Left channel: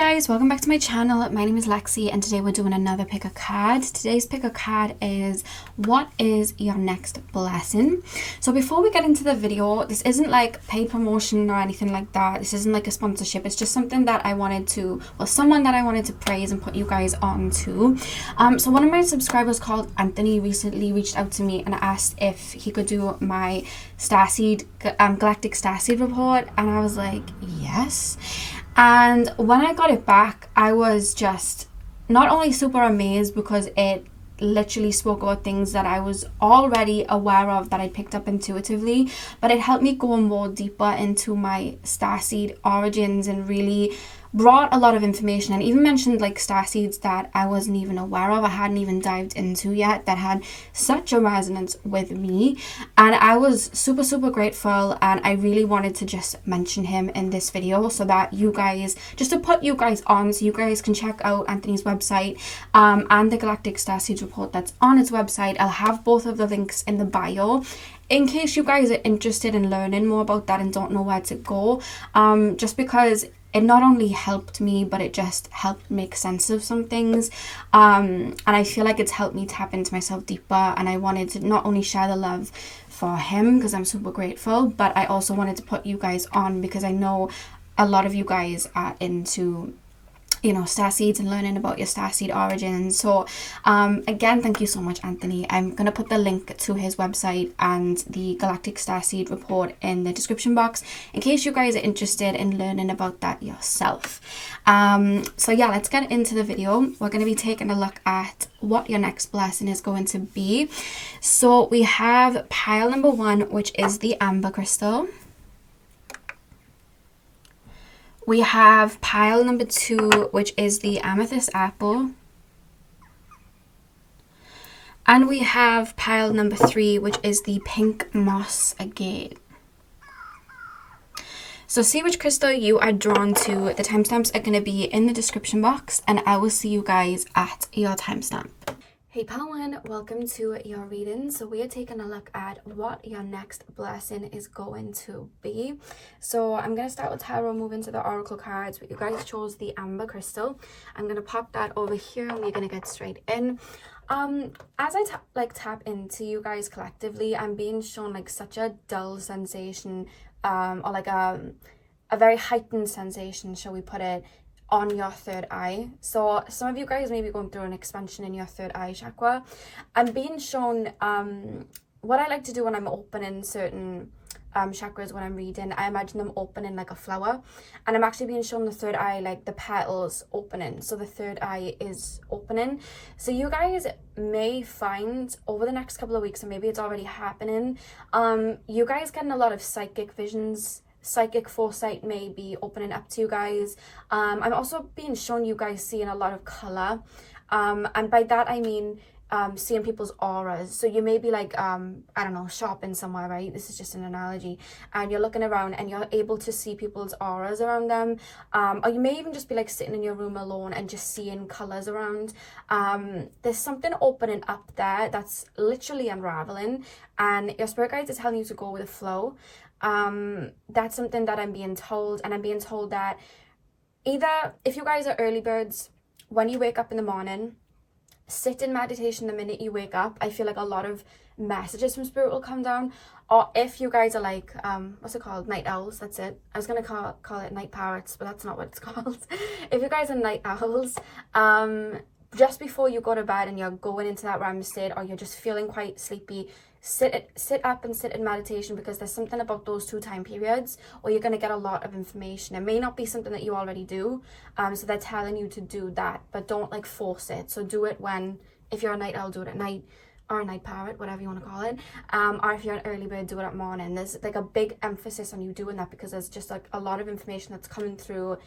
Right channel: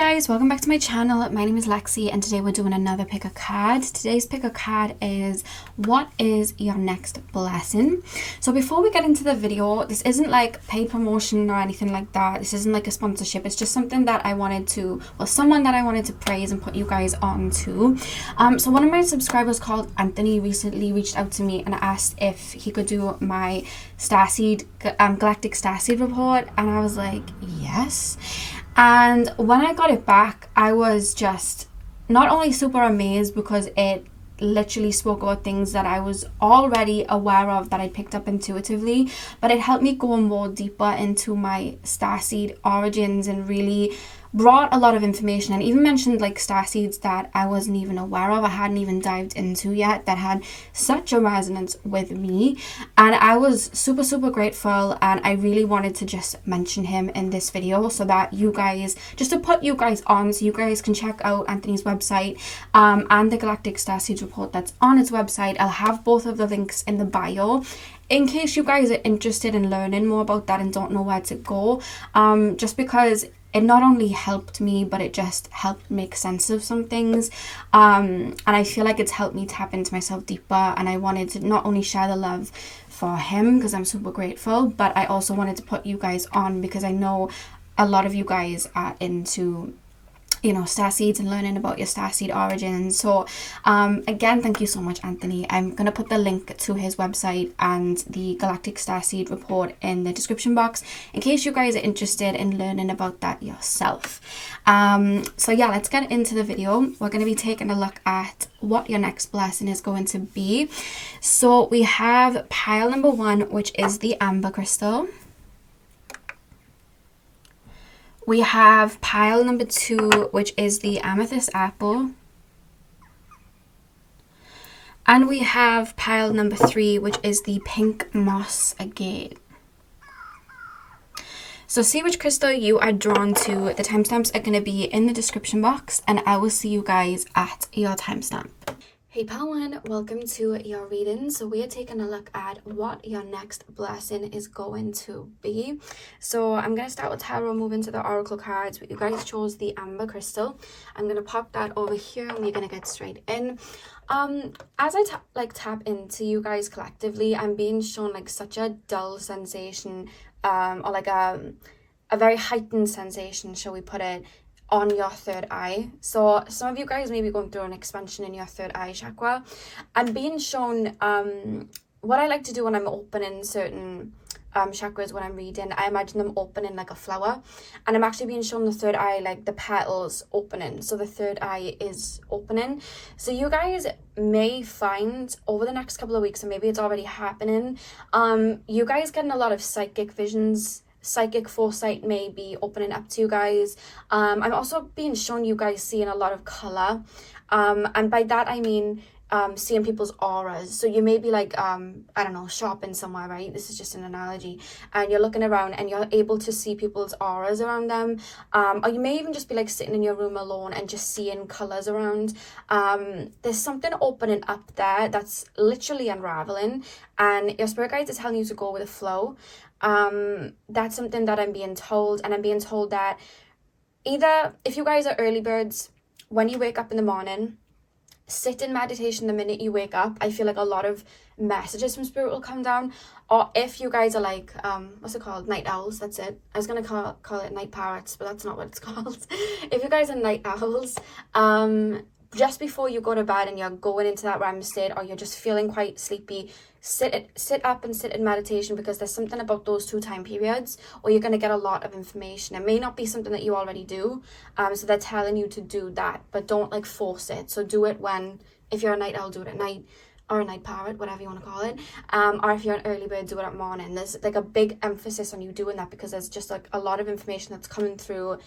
guys, welcome back to my channel. My name is Lexi and today we're doing another pick a card. Today's pick a card is what is your next blessing. So before we get into the video, this isn't like paid promotion or anything like that. This isn't like a sponsorship. It's just something that I wanted to, well, someone that I wanted to praise and put you guys on to. So one of my subscribers called Anthony recently reached out to me and asked if he could do my Starseed, Galactic Starseed report, and I was like, yes. And when I got it back, I was just not only super amazed because it literally spoke about things that I was already aware of that I picked up intuitively, but it helped me go more deeper into my Starseed origins and really brought a lot of information, and even mentioned like starseeds that I wasn't even aware of, I hadn't even dived into yet, that had such a resonance with me. And I was super grateful, and I really wanted to just mention him in this video so that you guys, just to put you guys on, so you guys can check out Anthony's website and the Galactic Starseed report that's on his website. I'll have both of the links in the bio in case you guys are interested in learning more about that and don't know where to go, just because it not only helped me, but it just helped make sense of some things. And I feel like it's helped me tap into myself deeper. And I wanted to not only share the love for him, because I'm super grateful, but I also wanted to put you guys on because I know a lot of you guys are into, you know, starseeds and learning about your starseed origins. So again, thank you so much, Anthony. I'm gonna put the link to his website and the Galactic Starseed report in the description box in case you guys are interested in learning about that yourself. So yeah, let's get into the video. We're going to be taking a look at what your next blessing is going to be. So we have pile number 1, which is the amber crystal. We have pile number 2, which is the amethyst apple. And we have pile number 3, which is the pink moss agate. So see which crystal you are drawn to. The timestamps are going to be in the description box, and I will see you guys at your timestamp. Hey pile 1, welcome to your reading. So we are taking a look at what your next blessing is going to be. So I'm going to start with tarot, move into the oracle cards, but you guys chose the amber crystal. I'm going to pop that over here and we're going to get straight in. As I tap into you guys collectively, I'm being shown like such a dull sensation, or like a very heightened sensation, shall we put it, on your third eye. So some of you guys may be going through an expansion in your third eye chakra. I'm being shown what I like to do when I'm opening certain chakras when I'm reading. I imagine them opening like a flower, and I'm actually being shown the third eye, like the petals opening. So the third eye is opening. So you guys may find over the next couple of weeks, and maybe it's already happening, you guys getting a lot of psychic visions. Psychic foresight may be opening up to you guys. I'm also being shown you guys seeing a lot of color, and by that I mean seeing people's auras. So you may be like I don't know, shopping somewhere, right? This is just an analogy, and you're looking around and you're able to see people's auras around them, or you may even just be like sitting in your room alone and just seeing colors around. There's something opening up there that's literally unraveling, and your spirit guides are telling you to go with the flow. That's something that I'm being told, and I'm being told that either, if you guys are early birds, when you wake up in the morning, sit in meditation the minute you wake up. I feel like a lot of messages from spirit will come down. Or if you guys are like what's it called, night owls, that's it. I was gonna call it night parrots, but that's not what it's called. If you guys are night owls, just before you go to bed and you're going into that REM state, or you're just feeling quite sleepy, sit up and sit in meditation, because there's something about those 2 time periods where you're going to get a lot of information. It may not be something that you already do, so they're telling you to do that, but don't like force it. So do it when, if you're a night owl, do it at night, or a night parrot, whatever you want to call it, or if you're an early bird, do it at morning. There's like a big emphasis on you doing that, because there's just like a lot of information that's coming through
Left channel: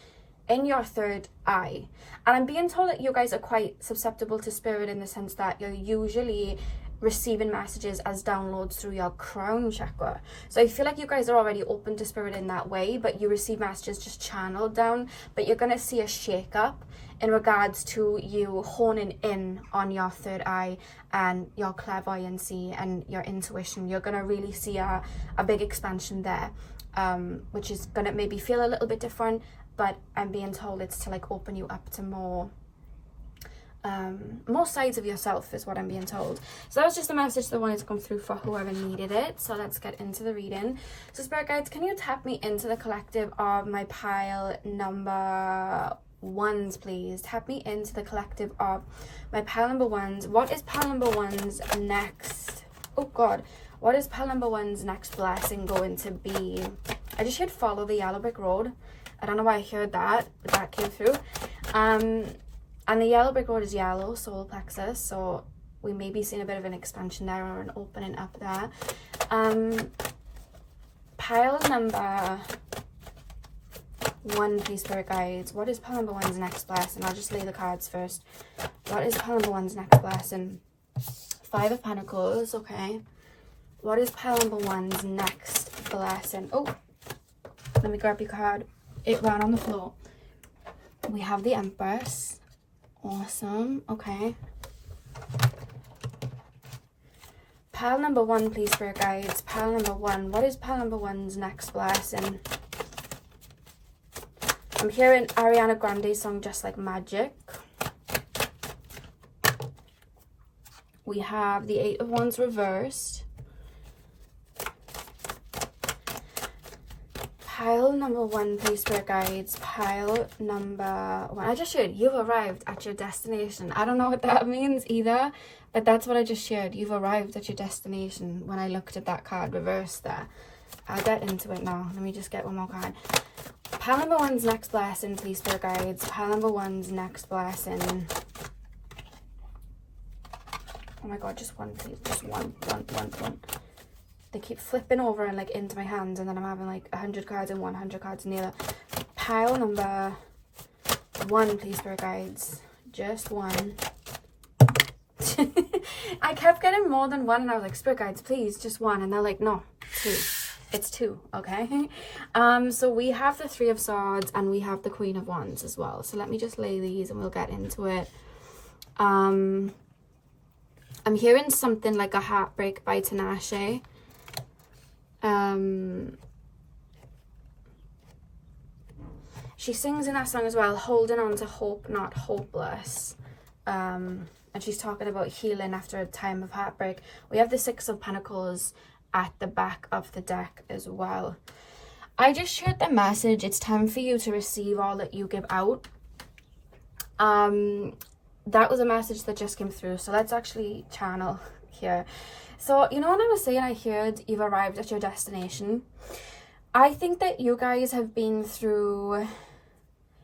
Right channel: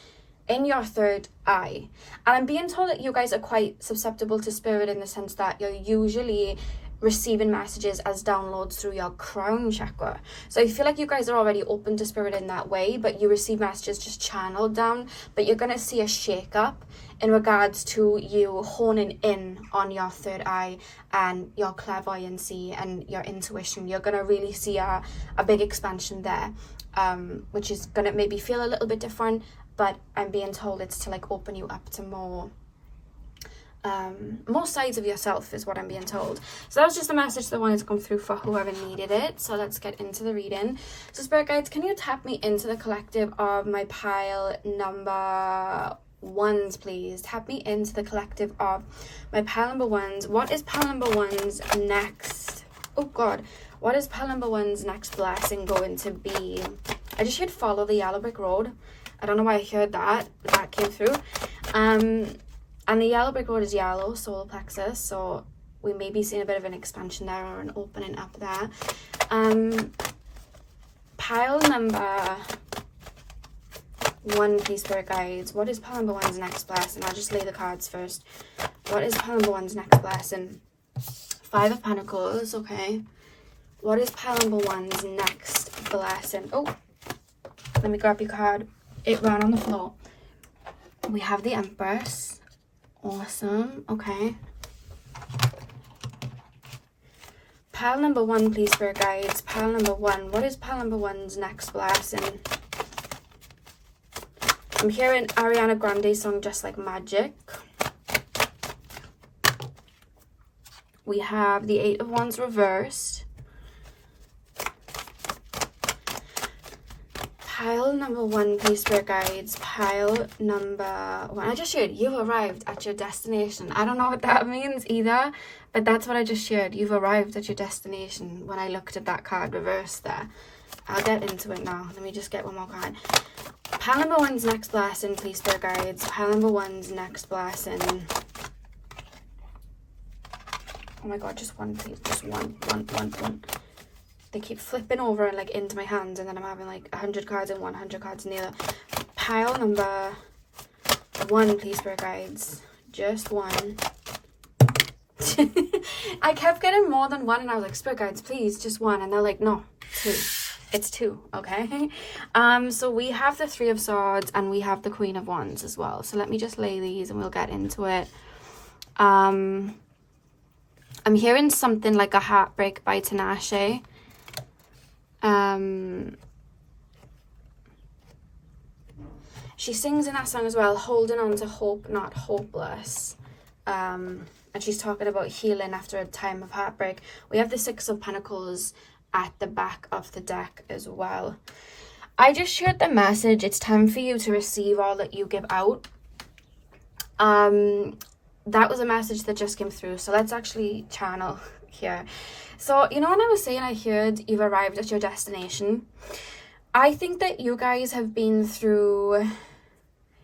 in your third eye. And I'm being told that you guys are quite susceptible to spirit, in the sense that you're usually receiving messages as downloads through your crown chakra. So I feel like you guys are already open to spirit in that way, but you receive messages just channeled down. But you're going to see a shake up in regards to you honing in on your third eye and your clairvoyancy and your intuition. You're going to really see a big expansion there, which is going to maybe feel a little bit different. but I'm being told it's to like open you up to more sides of yourself is what I'm being told. So that was just a message that wanted to come through for whoever needed it. So let's get into the reading. So Spirit Guides, can you tap me into the collective of my pile number ones, please? Tap me into the collective of my pile number ones. What is pile number one's next? Oh God, what is pile number one's next blessing going to be? I just heard follow the yellow brick road. I don't know why I heard that, but that came through. And the yellow brick road is yellow, solar plexus, so we may be seeing a bit of an expansion there or an opening up there. Pile number one, please, Spirit Guides. What is pile number one's next blessing? I'll just lay the cards first. What is pile number one's next blessing? Five of Pentacles, okay. What is pile number one's next blessing? Oh, let me grab your card. It ran on the floor. We have the Empress. Awesome, okay. Pile number one, please, Spirit Guides. Pile number one. What is pile number one's next blessing? I'm hearing Ariana Grande's song, Just Like Magic. We have the Eight of Wands reversed. Pile number one, please, Spirit Guides. Pile number one. I just shared, you've arrived at your destination. I don't know what that means either, but that's what I just shared. You've arrived at your destination when I looked at that card reversed there. I'll get into it now. Let me just get one more card. Pile number one's next blessing, please, Spirit Guides. Pile number one's next blessing. Oh my God, just one, please. Just one. They keep flipping over and like into my hands, and then I'm having like 100 cards in one, 100 cards in the other. Pile number one, please, Spirit Guides. Just one. I kept getting more than one, and I was like, Spirit Guides, please, just one. And they're like, no, two. It's two, okay? So we have the Three of Swords, and we have the Queen of Wands as well. So let me just lay these, and we'll get into it. I'm hearing something like a heartbreak by Tinashe. She sings in that song as well, holding on to hope, not hopeless. And she's talking about healing after a time of heartbreak. We have the Six of Pentacles at the back of the deck as well. I just shared the message. It's time for you to receive all that you give out. That was a message that just came through. So let's actually channel here. So, you know, when I was saying I heard you've arrived at your destination, I think that you guys have been through,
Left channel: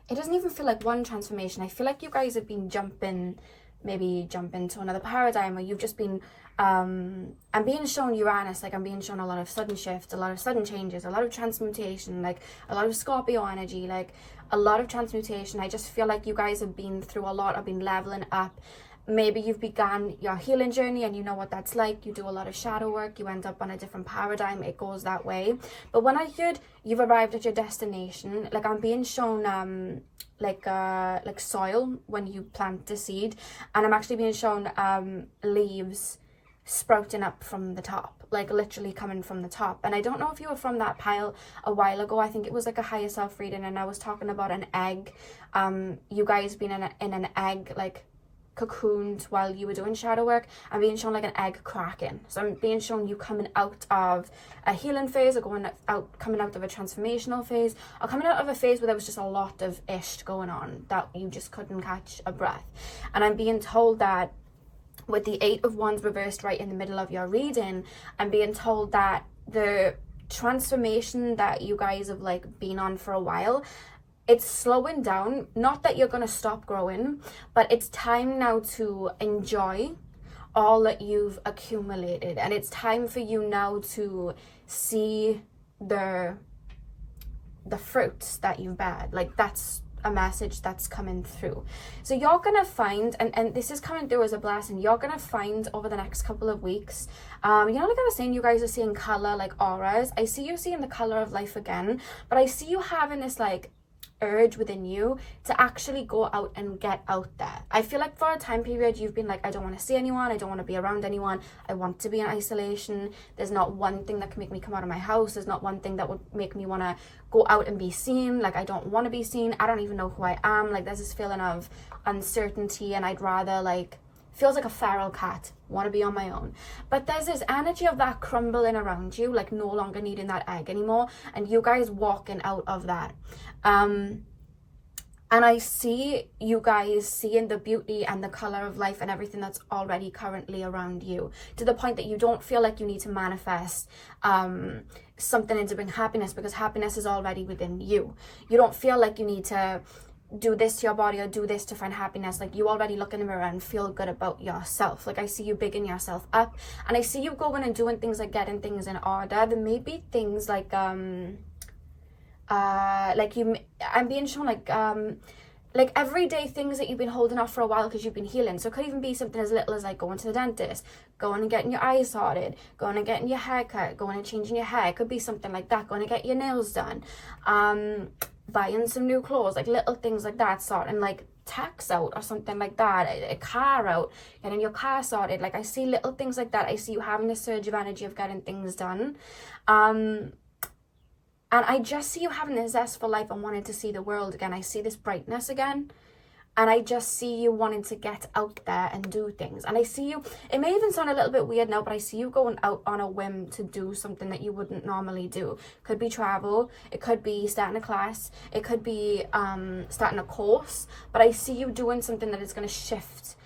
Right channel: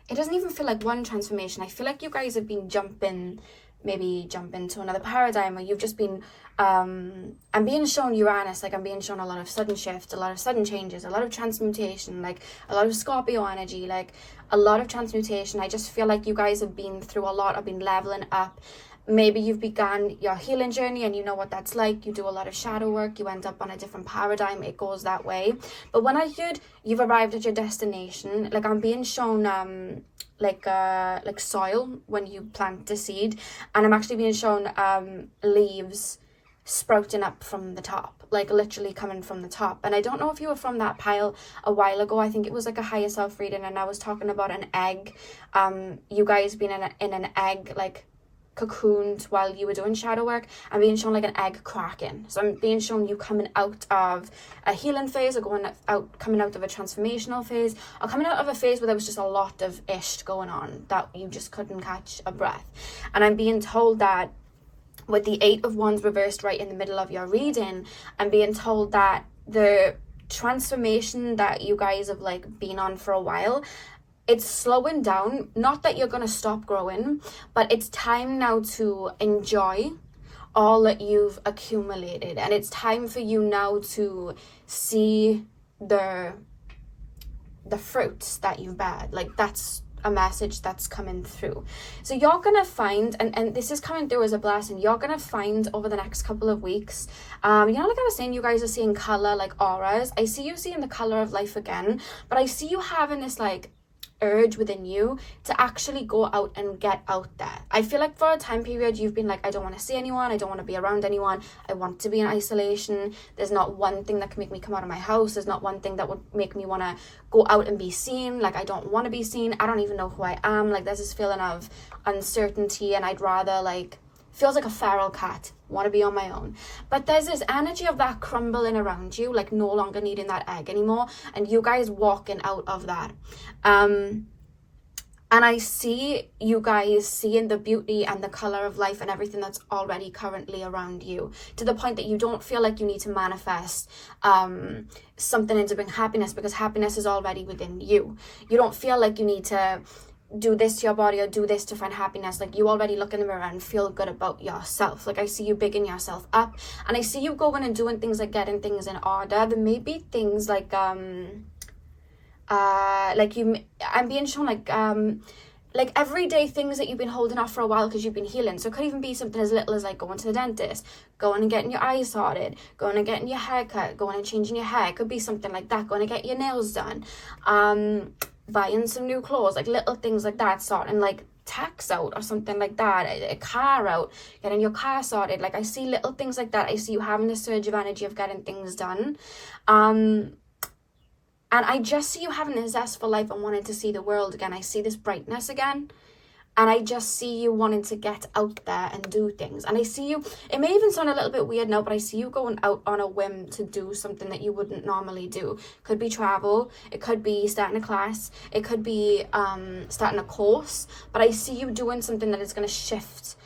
it doesn't even feel like one transformation. I feel like you guys have been maybe jumping to another paradigm, or you've just been, I'm being shown Uranus, like I'm being shown a lot of sudden shifts, a lot of sudden changes, a lot of transmutation, like a lot of Scorpio energy, like a lot of transmutation. I just feel like you guys have been through a lot, have been leveling up. Maybe you've begun your healing journey and you know what that's like. You do a lot of shadow work. You end up on a different paradigm. It goes that way. But when I heard you've arrived at your destination, like I'm being shown like soil when you plant a seed, and I'm actually being shown leaves sprouting up from the top, like literally coming from the top. And I don't know if you were from that pile a while ago. I think it was like a higher self reading, and I was talking about an egg. You guys being in an egg, like cocooned while you were doing shadow work. I'm being shown like an egg cracking. So I'm being shown you coming out of a healing phase, or coming out of a transformational phase, or coming out of a phase where there was just a lot of ish going on that you just couldn't catch a breath. And I'm being told that with the Eight of Wands reversed right in the middle of your reading, I'm being told that the transformation that you guys have like been on for a while, it's slowing down. Not that you're going to stop growing, but it's time now to enjoy all that you've accumulated. And it's time for you now to see the fruits that you've bared. Like that's a message that's coming through. So you're going to find, and this is coming through as a blessing, you're going to find over the next couple of weeks, you know, like I was saying, you guys are seeing color, like auras. I see you seeing the color of life again, but I see you having this like urge within you to actually go out and get out there. I feel like for a time period you've been like, I don't want to see anyone, I don't want to be around anyone, I want to be in isolation. There's not one thing that can make me come out of my house. There's not one thing that would make me want to go out and be seen. Like, I don't want to be seen. I don't even know who I am. Like, there's this feeling of uncertainty, and I'd rather, like, feels like a feral cat, want to be on my own. But there's this energy of that crumbling around you, like no longer needing that egg anymore, and you guys walking out of that. And I see you guys seeing the beauty and the color of life and everything that's already currently around you, to the point that you don't feel like you need to manifest something into bring happiness, because happiness is already within you. You don't feel like you need to do this to your body or do this to find happiness. Like, you already look in the mirror and feel good about yourself. Like, I see you bigging yourself up, and I see you going and doing things like getting things in order. There may be things like I'm being shown like everyday things that you've been holding off for a while because you've been healing. So it could even be something as little as like going to the dentist, going and getting your eyes sorted, going and getting your hair cut, going and changing your hair. It could be something like that, going to get your nails done, buying some new clothes, like little things like that, sorting like tax out or something like that, a car out, getting your car sorted. Like, I see little things like that. I see you having this surge of energy of getting things done. And I just see you having a zest for life and wanting to see the world again. I see this brightness again. And I just see you wanting to get out there and do things. And I see you, it may even sound a little bit weird now, but I see you going out on a whim to do something that you wouldn't normally do. Could be travel, it could be starting a class, it could be starting a course. But I see you doing something that is going to shift,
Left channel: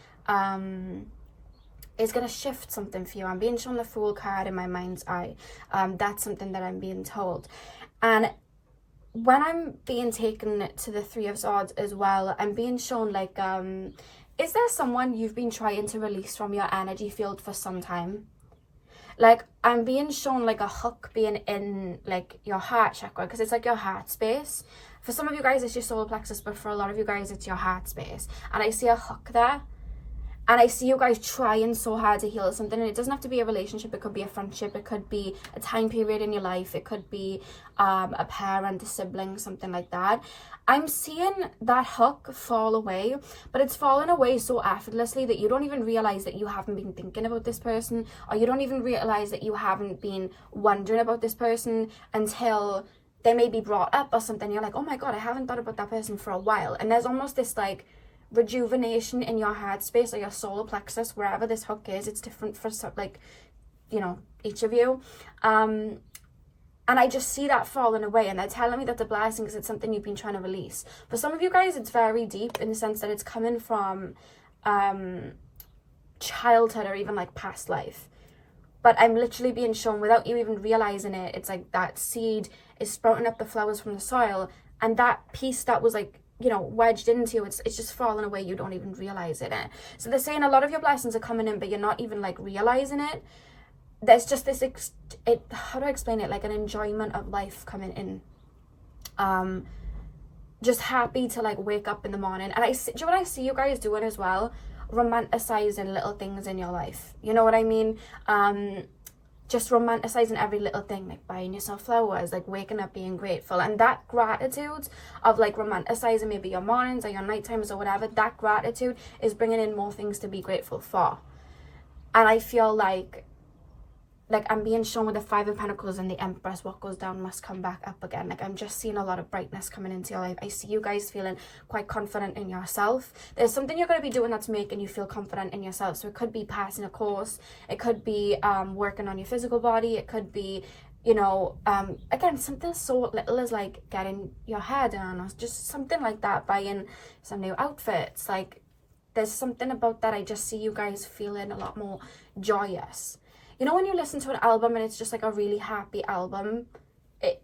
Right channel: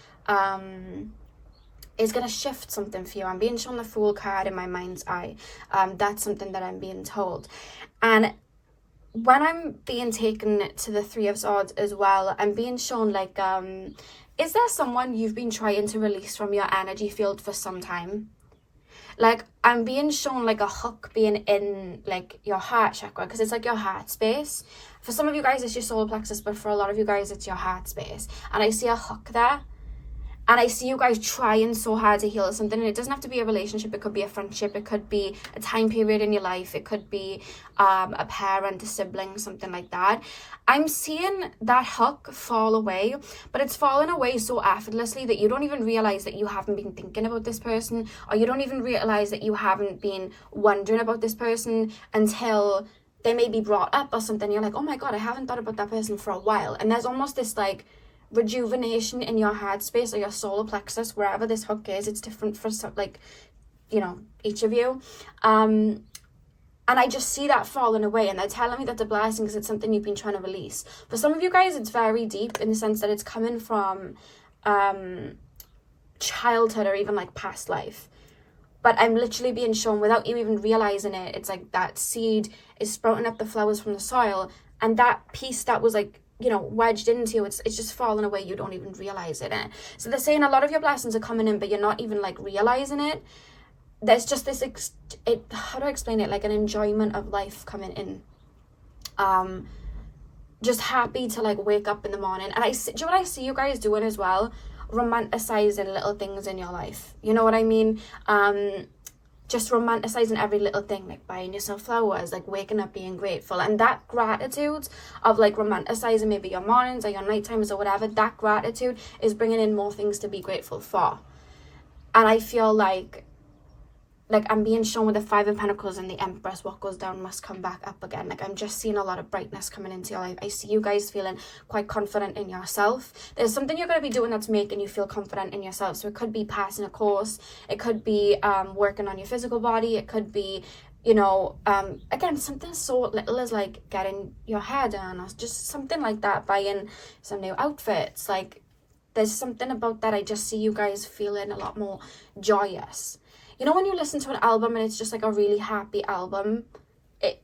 something for you. I'm being shown the Fool card in my mind's eye. That's something that I'm being told. And when I'm being taken to the Three of Swords as well, I'm being shown like, is there someone you've been trying to release from your energy field for some time? Like, I'm being shown like a hook being in like your heart chakra, because it's like your heart space. For some of you guys, it's your solar plexus, but for a lot of you guys, it's your heart space. And I see a hook there. And I see you guys trying so hard to heal something. And it doesn't have to be a relationship. It could be a friendship. It could be a time period in your life. It could be a parent, a sibling, something like that. I'm seeing that hook fall away. But it's fallen away so effortlessly that you don't even realize that you haven't been thinking about this person. Or you don't even realize that you haven't been wondering about this person until they may be brought up or something. You're like, oh my God, I haven't thought about that person for a while. And there's almost this like rejuvenation in your heart space or your solar plexus, wherever this hook is. It's different for like, you know, each of you. And I just see that falling away, and they're telling me that's a blessing because it's something you've been trying to release. For some of you guys, it's very deep in the sense that it's coming from childhood or even like past life. But I'm literally being shown, without you even realizing it, it's like that seed is sprouting up the flowers from the soil, and that piece that was like, you know, wedged into you, it's just falling away. You don't even realize it. So they're saying a lot of your blessings are coming in, but you're not even like realizing it. There's just this how do I explain it, like an enjoyment of life coming in. Just happy to like wake up in the morning. And do you know what I see you guys doing as well? Romanticizing little things in your life. You know what I mean? Just romanticizing every little thing, like buying yourself flowers, like waking up being grateful. And that gratitude of like romanticizing maybe your mornings or your night times or whatever, that gratitude is bringing in more things to be grateful for. And I feel like I'm being shown with the Five of Pentacles and the Empress, what goes down must come back up again. Like, I'm just seeing a lot of brightness coming into your life. I see you guys feeling quite confident in yourself. There's something you're going to be doing that's making you feel confident in yourself. So it could be passing a course. It could be working on your physical body. It could be, you know, again, something so little as like getting your hair done or just something like that, buying some new outfits. Like, there's something about that. I just see you guys feeling a lot more joyous. You know, when you listen to an album and it's just like a really happy album,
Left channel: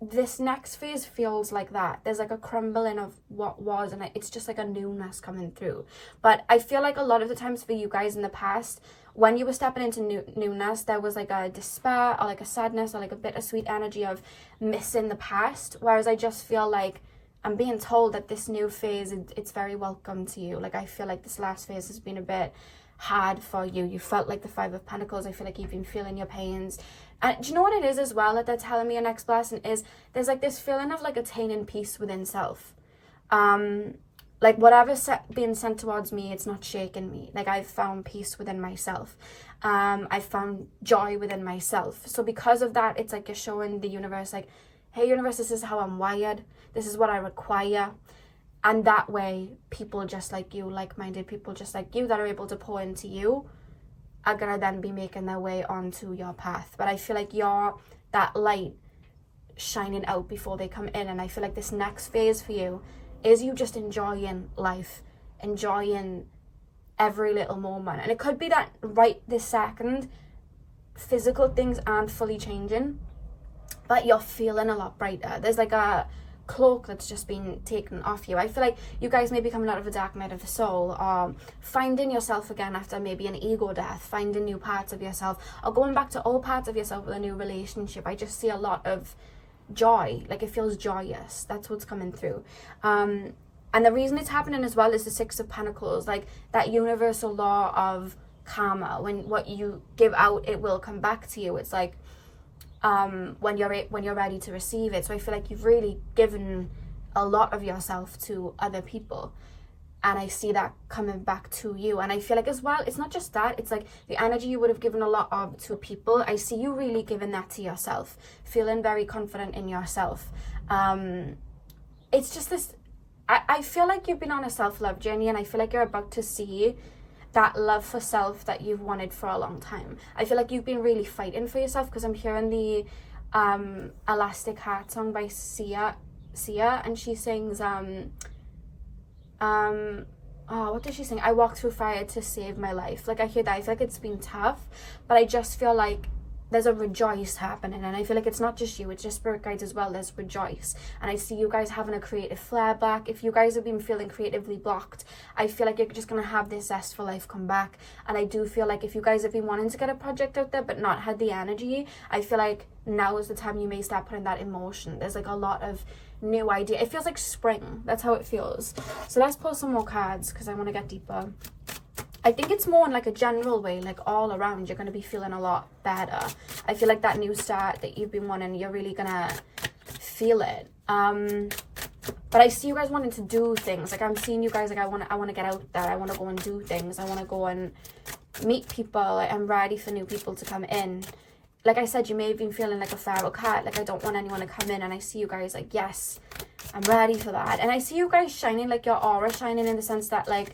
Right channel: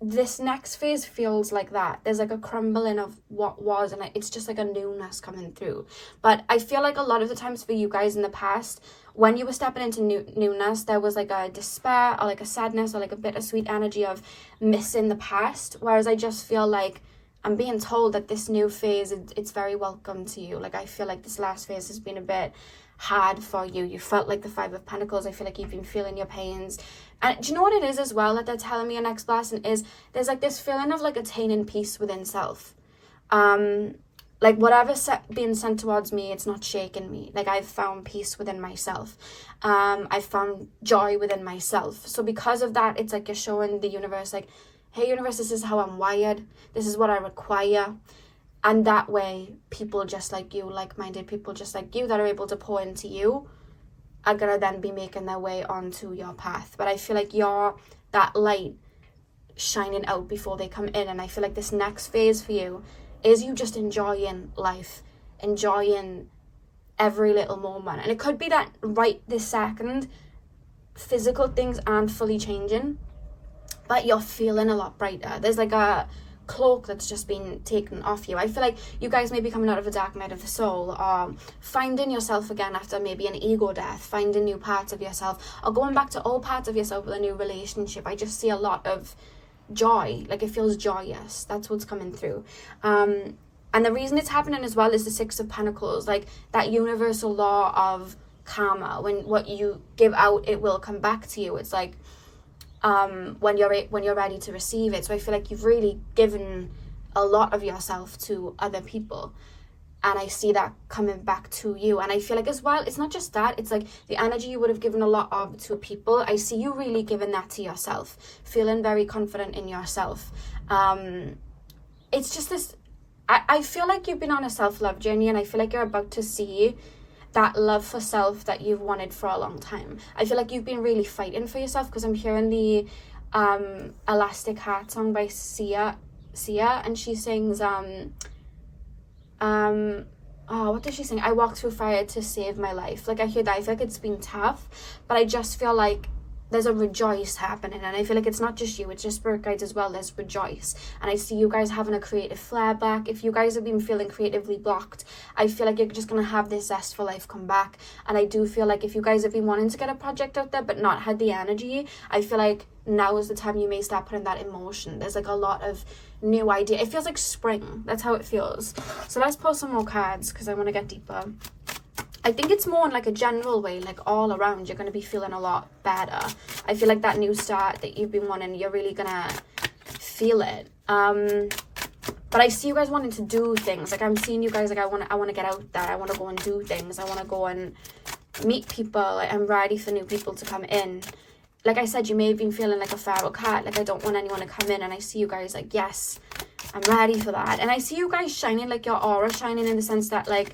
this next phase feels like that. There's like a crumbling of what was, and it's just like a newness coming through. But I feel like a lot of the times for you guys in the past, when you were stepping into newness, there was like a despair or like a sadness or like a bittersweet energy of missing the past. Whereas I just feel like I'm being told that this new phase, it's very welcome to you. Like, I feel like this last phase has been a bit hard for you. You felt like the Five of Pentacles. I feel like you've been feeling your pains. And do you know what it is as well that they're telling me your next blessing is? There's like this feeling of like attaining peace within self. Like whatever's being sent towards me, it's not shaking me. Like I've found peace within myself. I've found joy within myself. So because of that, it's like you're showing the universe like, hey universe, this is how I'm wired. This is what I require. And that way, people just like you, like-minded people just like you that are able to pour into you are going to then be making their way onto your path. But I feel like you're that light shining out before they come in. And I feel like this next phase for you is you just enjoying life, enjoying every little moment. And it could be that right this second, physical things aren't fully changing, but you're feeling a lot brighter. There's like a cloak that's just been taken off you. I feel like you guys may be coming out of a dark night of the soul, or finding yourself again after maybe an ego death, finding new parts of yourself, or going back to old parts of yourself with a new relationship. I just see a lot of joy. Like it feels joyous. That's what's coming through. And the reason it's happening as well is the Six of Pentacles, like that universal law of karma. When what you give out, it will come back to you. It's like when you're ready to receive it. So I feel like you've really given a lot of yourself to other people, and I see that coming back to you. And I feel like as well, it's not just that, it's like the energy you would have given a lot of to people, I see you really giving that to yourself, feeling very confident in yourself. It's just this, I feel like you've been on a self-love journey, and I feel like you're about to see that love for self that you've wanted for a long time. I feel like you've been really fighting for yourself, because I'm hearing the Elastic Heart song by Sia, and she sings what does she sing? I walk through fire to save my life. Like I hear that, I feel like it's been tough, but I just feel like there's a rejoice happening, and I feel like it's not just you, it's just spirit guides as well. There's rejoice, and I see you guys having a creative flare back. If you guys have been feeling creatively blocked, I feel like you're just gonna have this zest for life come back. And I do feel like if you guys have been wanting to get a project out there but not had the energy, I feel like now is the time you may start putting that in motion. There's like a lot of new idea. It feels like spring. That's how it feels. So let's pull some more cards, because I want to get deeper. I think it's more in like a general way, like all around, you're going to be feeling a lot better. I feel like that new start that you've been wanting, you're really going to feel it. But I see you guys wanting to do things. Like I'm seeing you guys like, I want to get out there. I want to go and do things. I want to go and meet people. Like, I'm ready for new people to come in. Like I said, you may have been feeling like a feral cat. Like I don't want anyone to come in. And I see you guys like, yes, I'm ready for that. And I see you guys shining, like your aura shining, in the sense that like,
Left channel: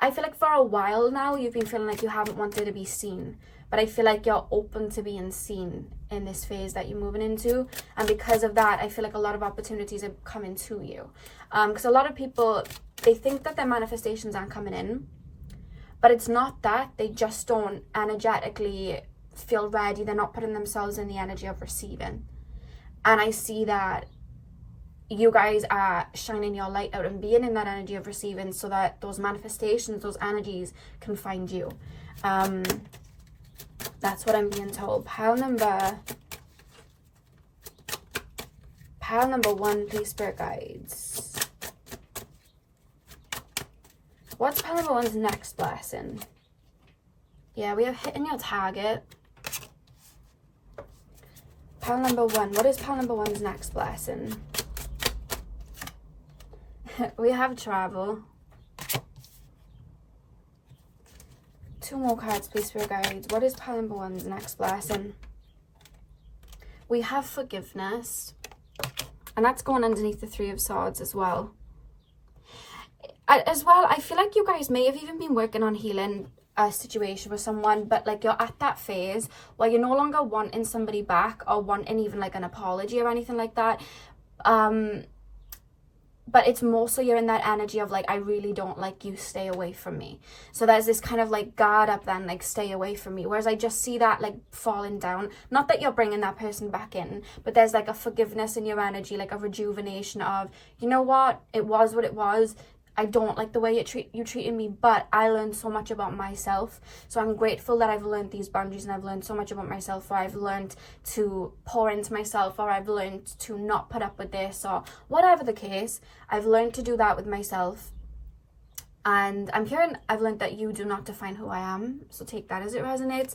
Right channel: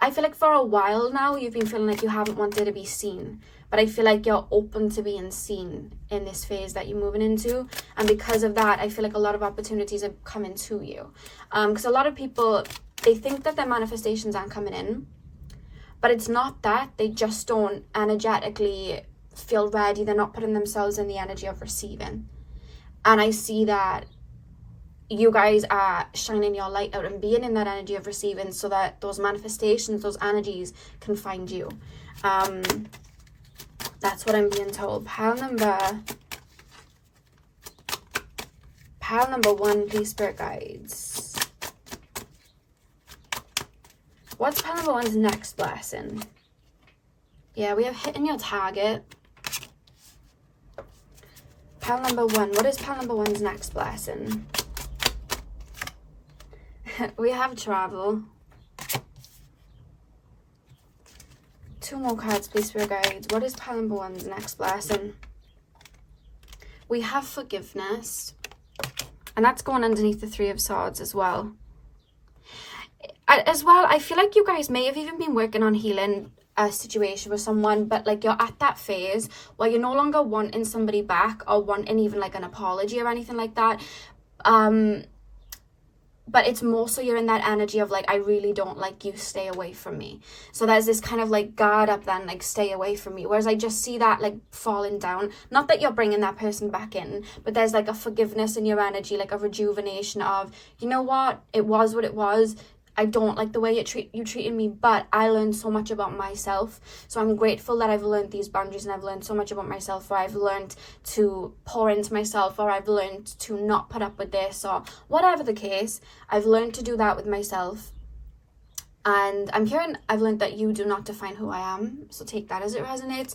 I feel like for a while now, you've been feeling like you haven't wanted to be seen. But I feel like you're open to being seen in this phase that you're moving into. And because of that, I feel like a lot of opportunities are coming to you. Because a lot of people, they think that their manifestations aren't coming in. But it's not that. They just don't energetically feel ready. They're not putting themselves in the energy of receiving. And I see that you guys are shining your light out and being in that energy of receiving, so that those manifestations, those energies can find you. That's what I'm being told. Pile number 1, please, spirit guides. What's pile number 1's next blessing? Yeah, we have hitting your target. Pile number 1. What is pile number 1's next blessing? We have travel. 2 more cards, please, spirit guides. What is pile number 1's next blessing? We have forgiveness. And that's going underneath the 3 of Swords as well. As well, I feel like you guys may have even been working on healing a situation with someone, but like you're at that phase where you're no longer wanting somebody back or wanting even like an apology or anything like that. But it's more so you're in that energy of like, I really don't like you, stay away from me. So there's this kind of like guard up then, like stay away from me. Whereas I just see that like falling down. Not that you're bringing that person back in, but there's like a forgiveness in your energy, like a rejuvenation of, you know what, it was what it was. I don't like the way you treated me, but I learned so much about myself. So I'm grateful that I've learned these boundaries, and I've learned so much about myself, or I've learned to pour into myself, or I've learned to not put up with this, or whatever the case. I've learned to do that with myself. And I'm hearing, I've learned that you do not define who I am. So take that as it resonates.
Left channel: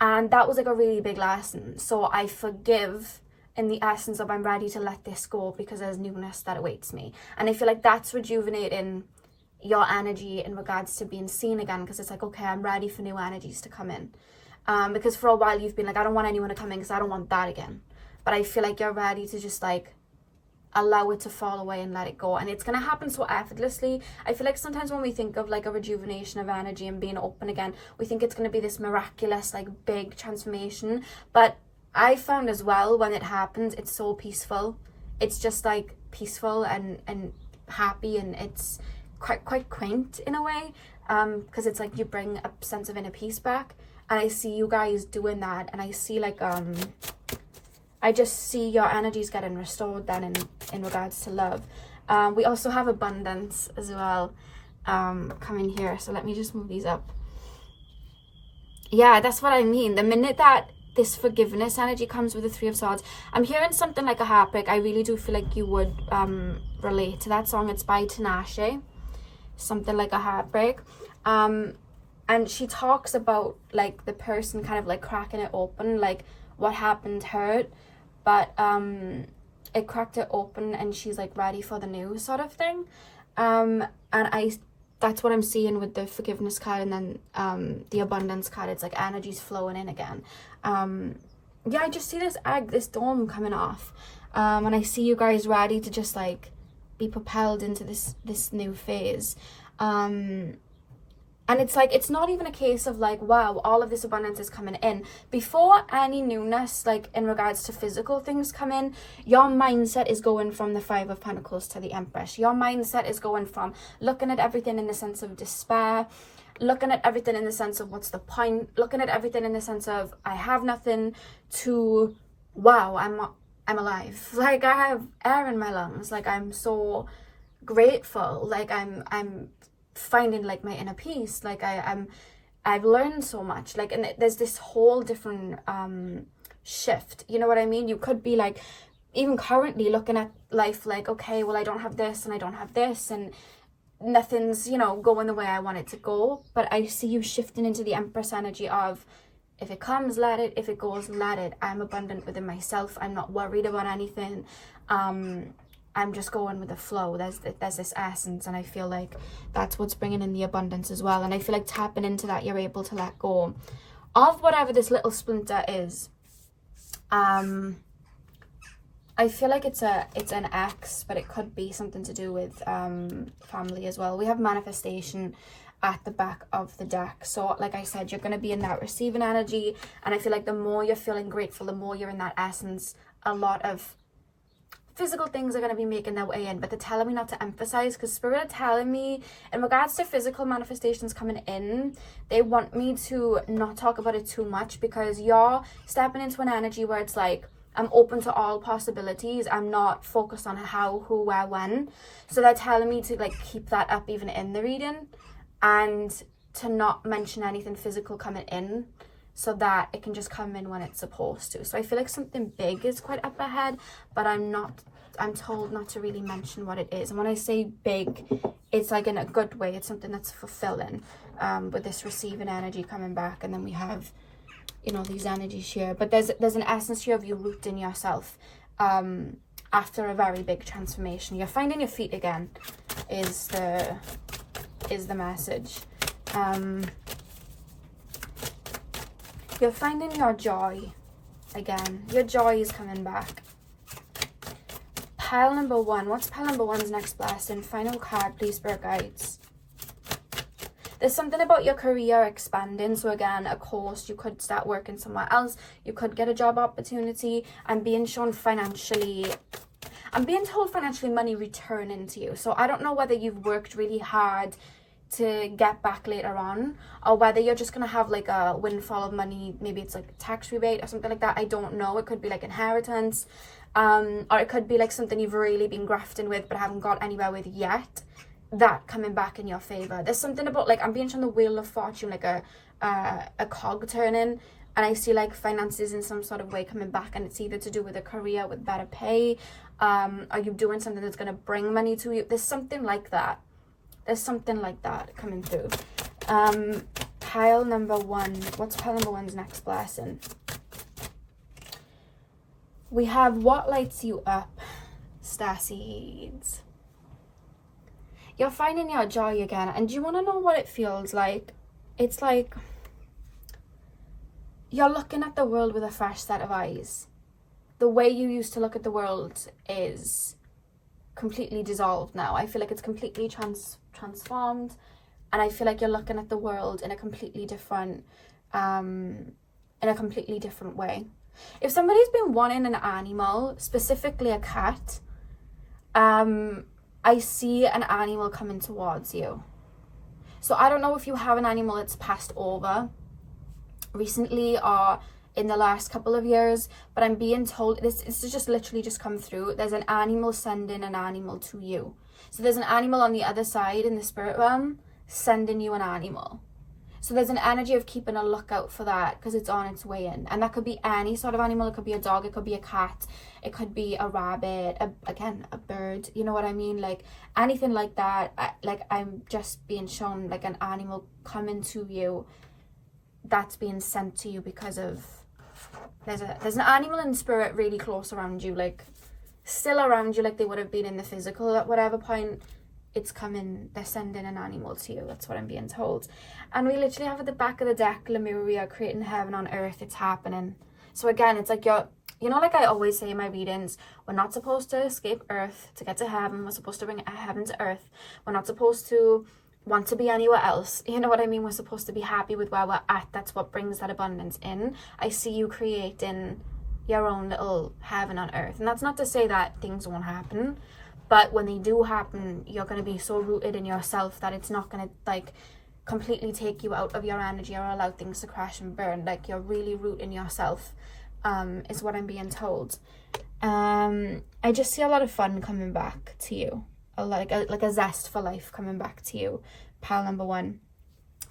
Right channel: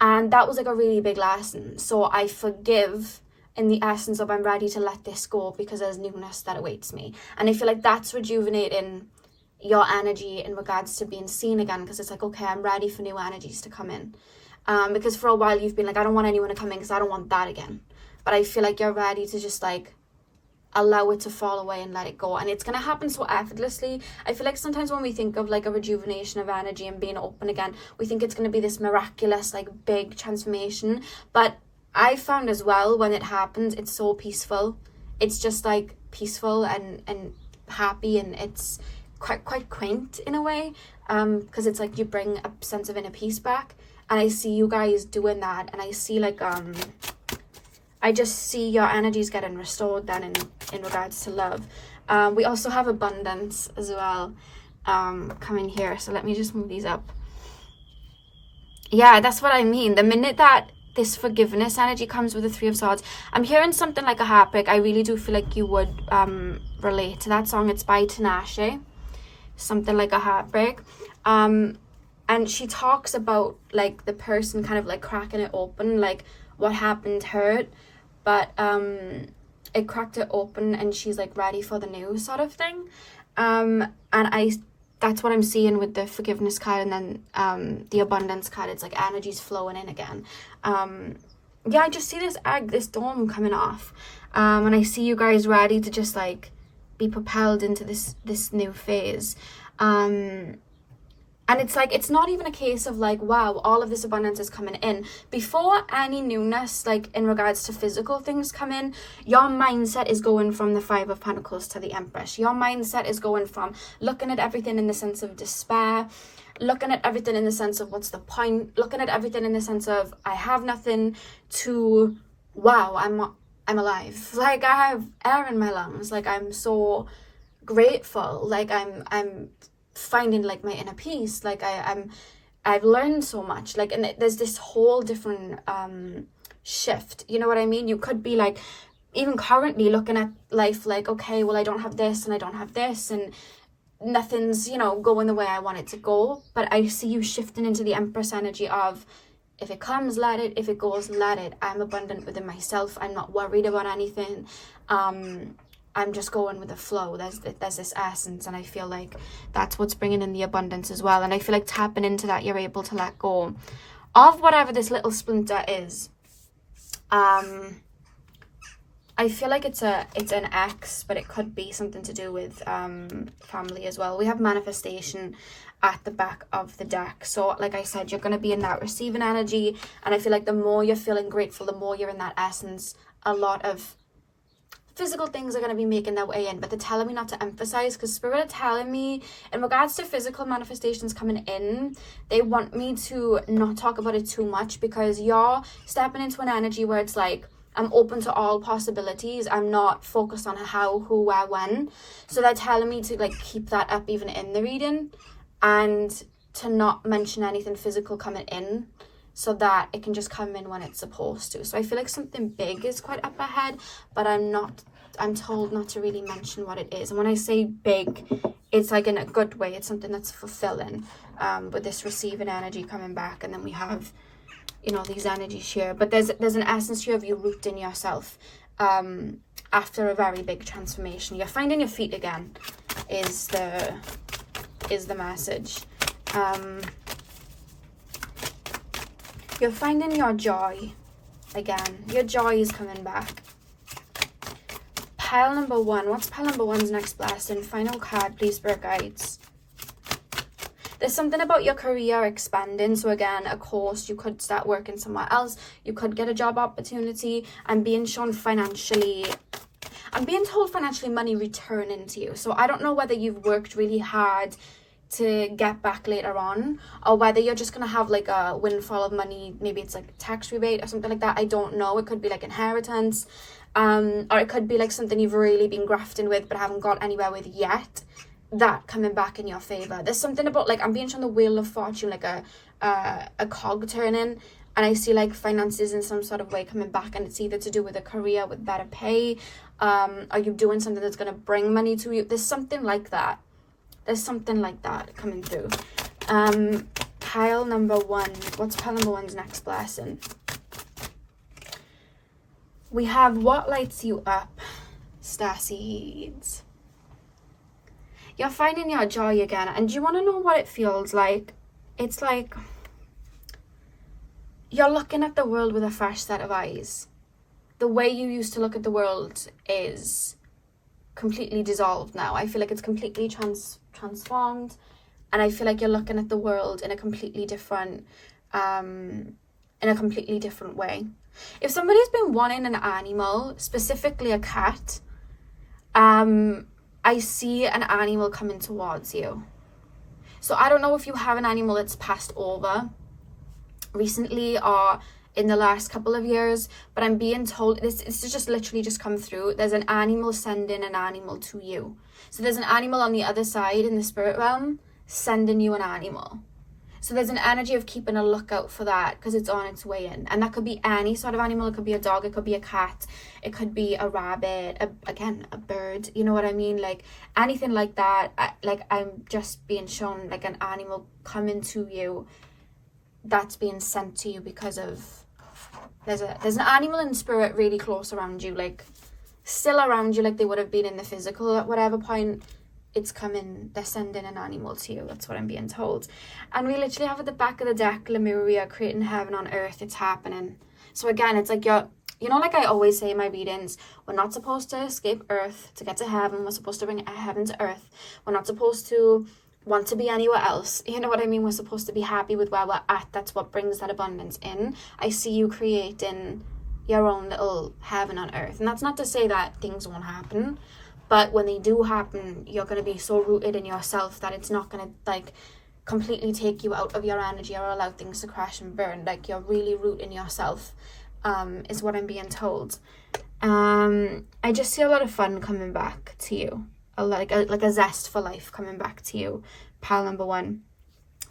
And that was like a really big lesson. So I forgive in the essence of I'm ready to let this go because there's newness that awaits me. And I feel like that's rejuvenating your energy in regards to being seen again, because it's like, okay, I'm ready for new energies to come in. Because for a while you've been like, I don't want anyone to come in because I don't want that again. But I feel like you're ready to just like allow it to fall away and let it go. And it's going to happen so effortlessly. I feel like sometimes when we think of like a rejuvenation of energy and being open again, we think it's going to be this miraculous, like big transformation. But I found as well, when it happens, it's so peaceful. It's just like peaceful and happy, and it's quite quaint in a way, because it's like you bring a sense of inner peace back. And I see you guys doing that, and I see like I just see your energies getting restored then in regards to love. We also have abundance as well coming here. So let me just move these up. Yeah, that's what I mean. The minute that this forgiveness energy comes with the Three of Swords, I'm hearing something like a heartbreak. I really do feel like you would relate to that song. It's by Tinashe. Something like a heartbreak. And she talks about like the person kind of like cracking it open, like what happened hurt, but it cracked it open and she's like ready for the new sort of thing. And that's what I'm seeing with the forgiveness card, and then the abundance card. It's like energy's flowing in again. Yeah, I just see this dome coming off, and I see you guys ready to just like be propelled into this new phase. And it's like, it's not even a case of like, wow, all of this abundance is coming in. Before any newness, like in regards to physical things come in, your mindset is going from the Five of Pentacles to the Empress. Your mindset is going from looking at everything in the sense of despair, looking at everything in the sense of what's the point, looking at everything in the sense of I have nothing, to wow, I'm alive. Like I have air in my lungs. Like I'm so grateful. Like I'm finding like my inner peace. Like I've learned so much. Like, and there's this whole different shift. You know what I mean? You could be like, even currently looking at life like, okay, well, I don't have this and I don't have this, and nothing's, you know, going the way I want it to go. But I see you shifting into the Empress energy of, if it comes, let it. If it goes, let it. I'm abundant within myself. I'm not worried about anything. I'm just going with the flow. There's this essence, and I feel like that's what's bringing in the abundance as well. And I feel like tapping into that, you're able to let go of whatever this little splinter is. I feel like it's an X, but it could be something to do with family as well. We have manifestation at the back of the deck. So like I said, you're going to be in that receiving energy, and I feel like the more you're feeling grateful, the more you're in that essence, a lot of physical things are going to be making their way in. But they're telling me not to emphasize, because Spirit are telling me in regards to physical manifestations coming in, they want me to not talk about it too much, because you're stepping into an energy where it's like, I'm open to all possibilities. I'm not focused on how, who, where, when. So they're telling me to like keep that up even in the reading, and to not mention anything physical coming in, so that it can just come in when it's supposed to. So I feel like something big is quite up ahead, but I'm told not to really mention what it is. And when I say big, it's like in a good way. It's something that's fulfilling, with this receiving energy coming back. And then we have, you know, these energies here. But there's an essence here of you rooting yourself after a very big transformation. You're finding your feet again is the message. You're finding your joy again. Your joy is coming back. Pile number one. What's pile number one's next blessing? Final card, please, Spirit Guides. There's something about your career expanding. So again, of course, you could start working somewhere else. You could get a job opportunity. I'm being shown financially. I'm being told financially money returning to you. So I don't know whether you've worked really hard to get back later on, or whether you're just gonna have like a windfall of money. Maybe it's like a tax rebate or something like that. I don't know. It could be like inheritance, or it could be like something you've really been grafting with but haven't got anywhere with yet, that coming back in your favor. There's something about, like, I'm being shown the Wheel of Fortune, like a cog turning, and I see like finances in some sort of way coming back, and it's either to do with a career with better pay, are you doing something that's going to bring money to you? There's something like that. There's something like that coming through. Pile number one. What's pile number one's next blessing? We have what lights you up, Starseeds. You're finding your joy again. And do you want to know what it feels like? It's like you're looking at the world with a fresh set of eyes. The way you used to look at the world is completely dissolved now. I feel like it's completely transformed. And I feel like you're looking at the world in a completely different way. If somebody's been wanting an animal, specifically a cat, I see an animal coming towards you. So I don't know if you have an animal that's passed over recently or in the last couple of years, but I'm being told, this is just literally just come through, there's an animal sending an animal to you. So there's an animal on the other side in the spirit realm sending you an animal. So there's an energy of keeping a lookout for that because it's on its way in. And that could be any sort of animal. It could be a dog. It could be a cat. It could be a rabbit. A bird. You know what I mean? Like anything like that. I'm just being shown like an animal coming to you that's being sent to you because of... There's an animal in spirit really close around you. Like still around you like they would have been in the physical at whatever point. It's coming, they're sending an animal to you. That's what I'm being told. And we literally have at the back of the deck, Lemuria, creating heaven on earth. It's happening. So again, it's like you know, like I always say in my readings, we're not supposed to escape earth to get to heaven. We're supposed to bring heaven to earth. We're not supposed to want to be anywhere else. You know what I mean? We're supposed to be happy with where we're at. That's what brings that abundance in. I see you creating your own little heaven on earth. And that's not to say that things won't happen. But when they do happen, you're going to be so rooted in yourself that it's not going to like completely take you out of your energy or allow things to crash and burn. Like you're really rooting yourself, is what I'm being told. I just see a lot of fun coming back to you, like a zest for life coming back to you, pile number 1.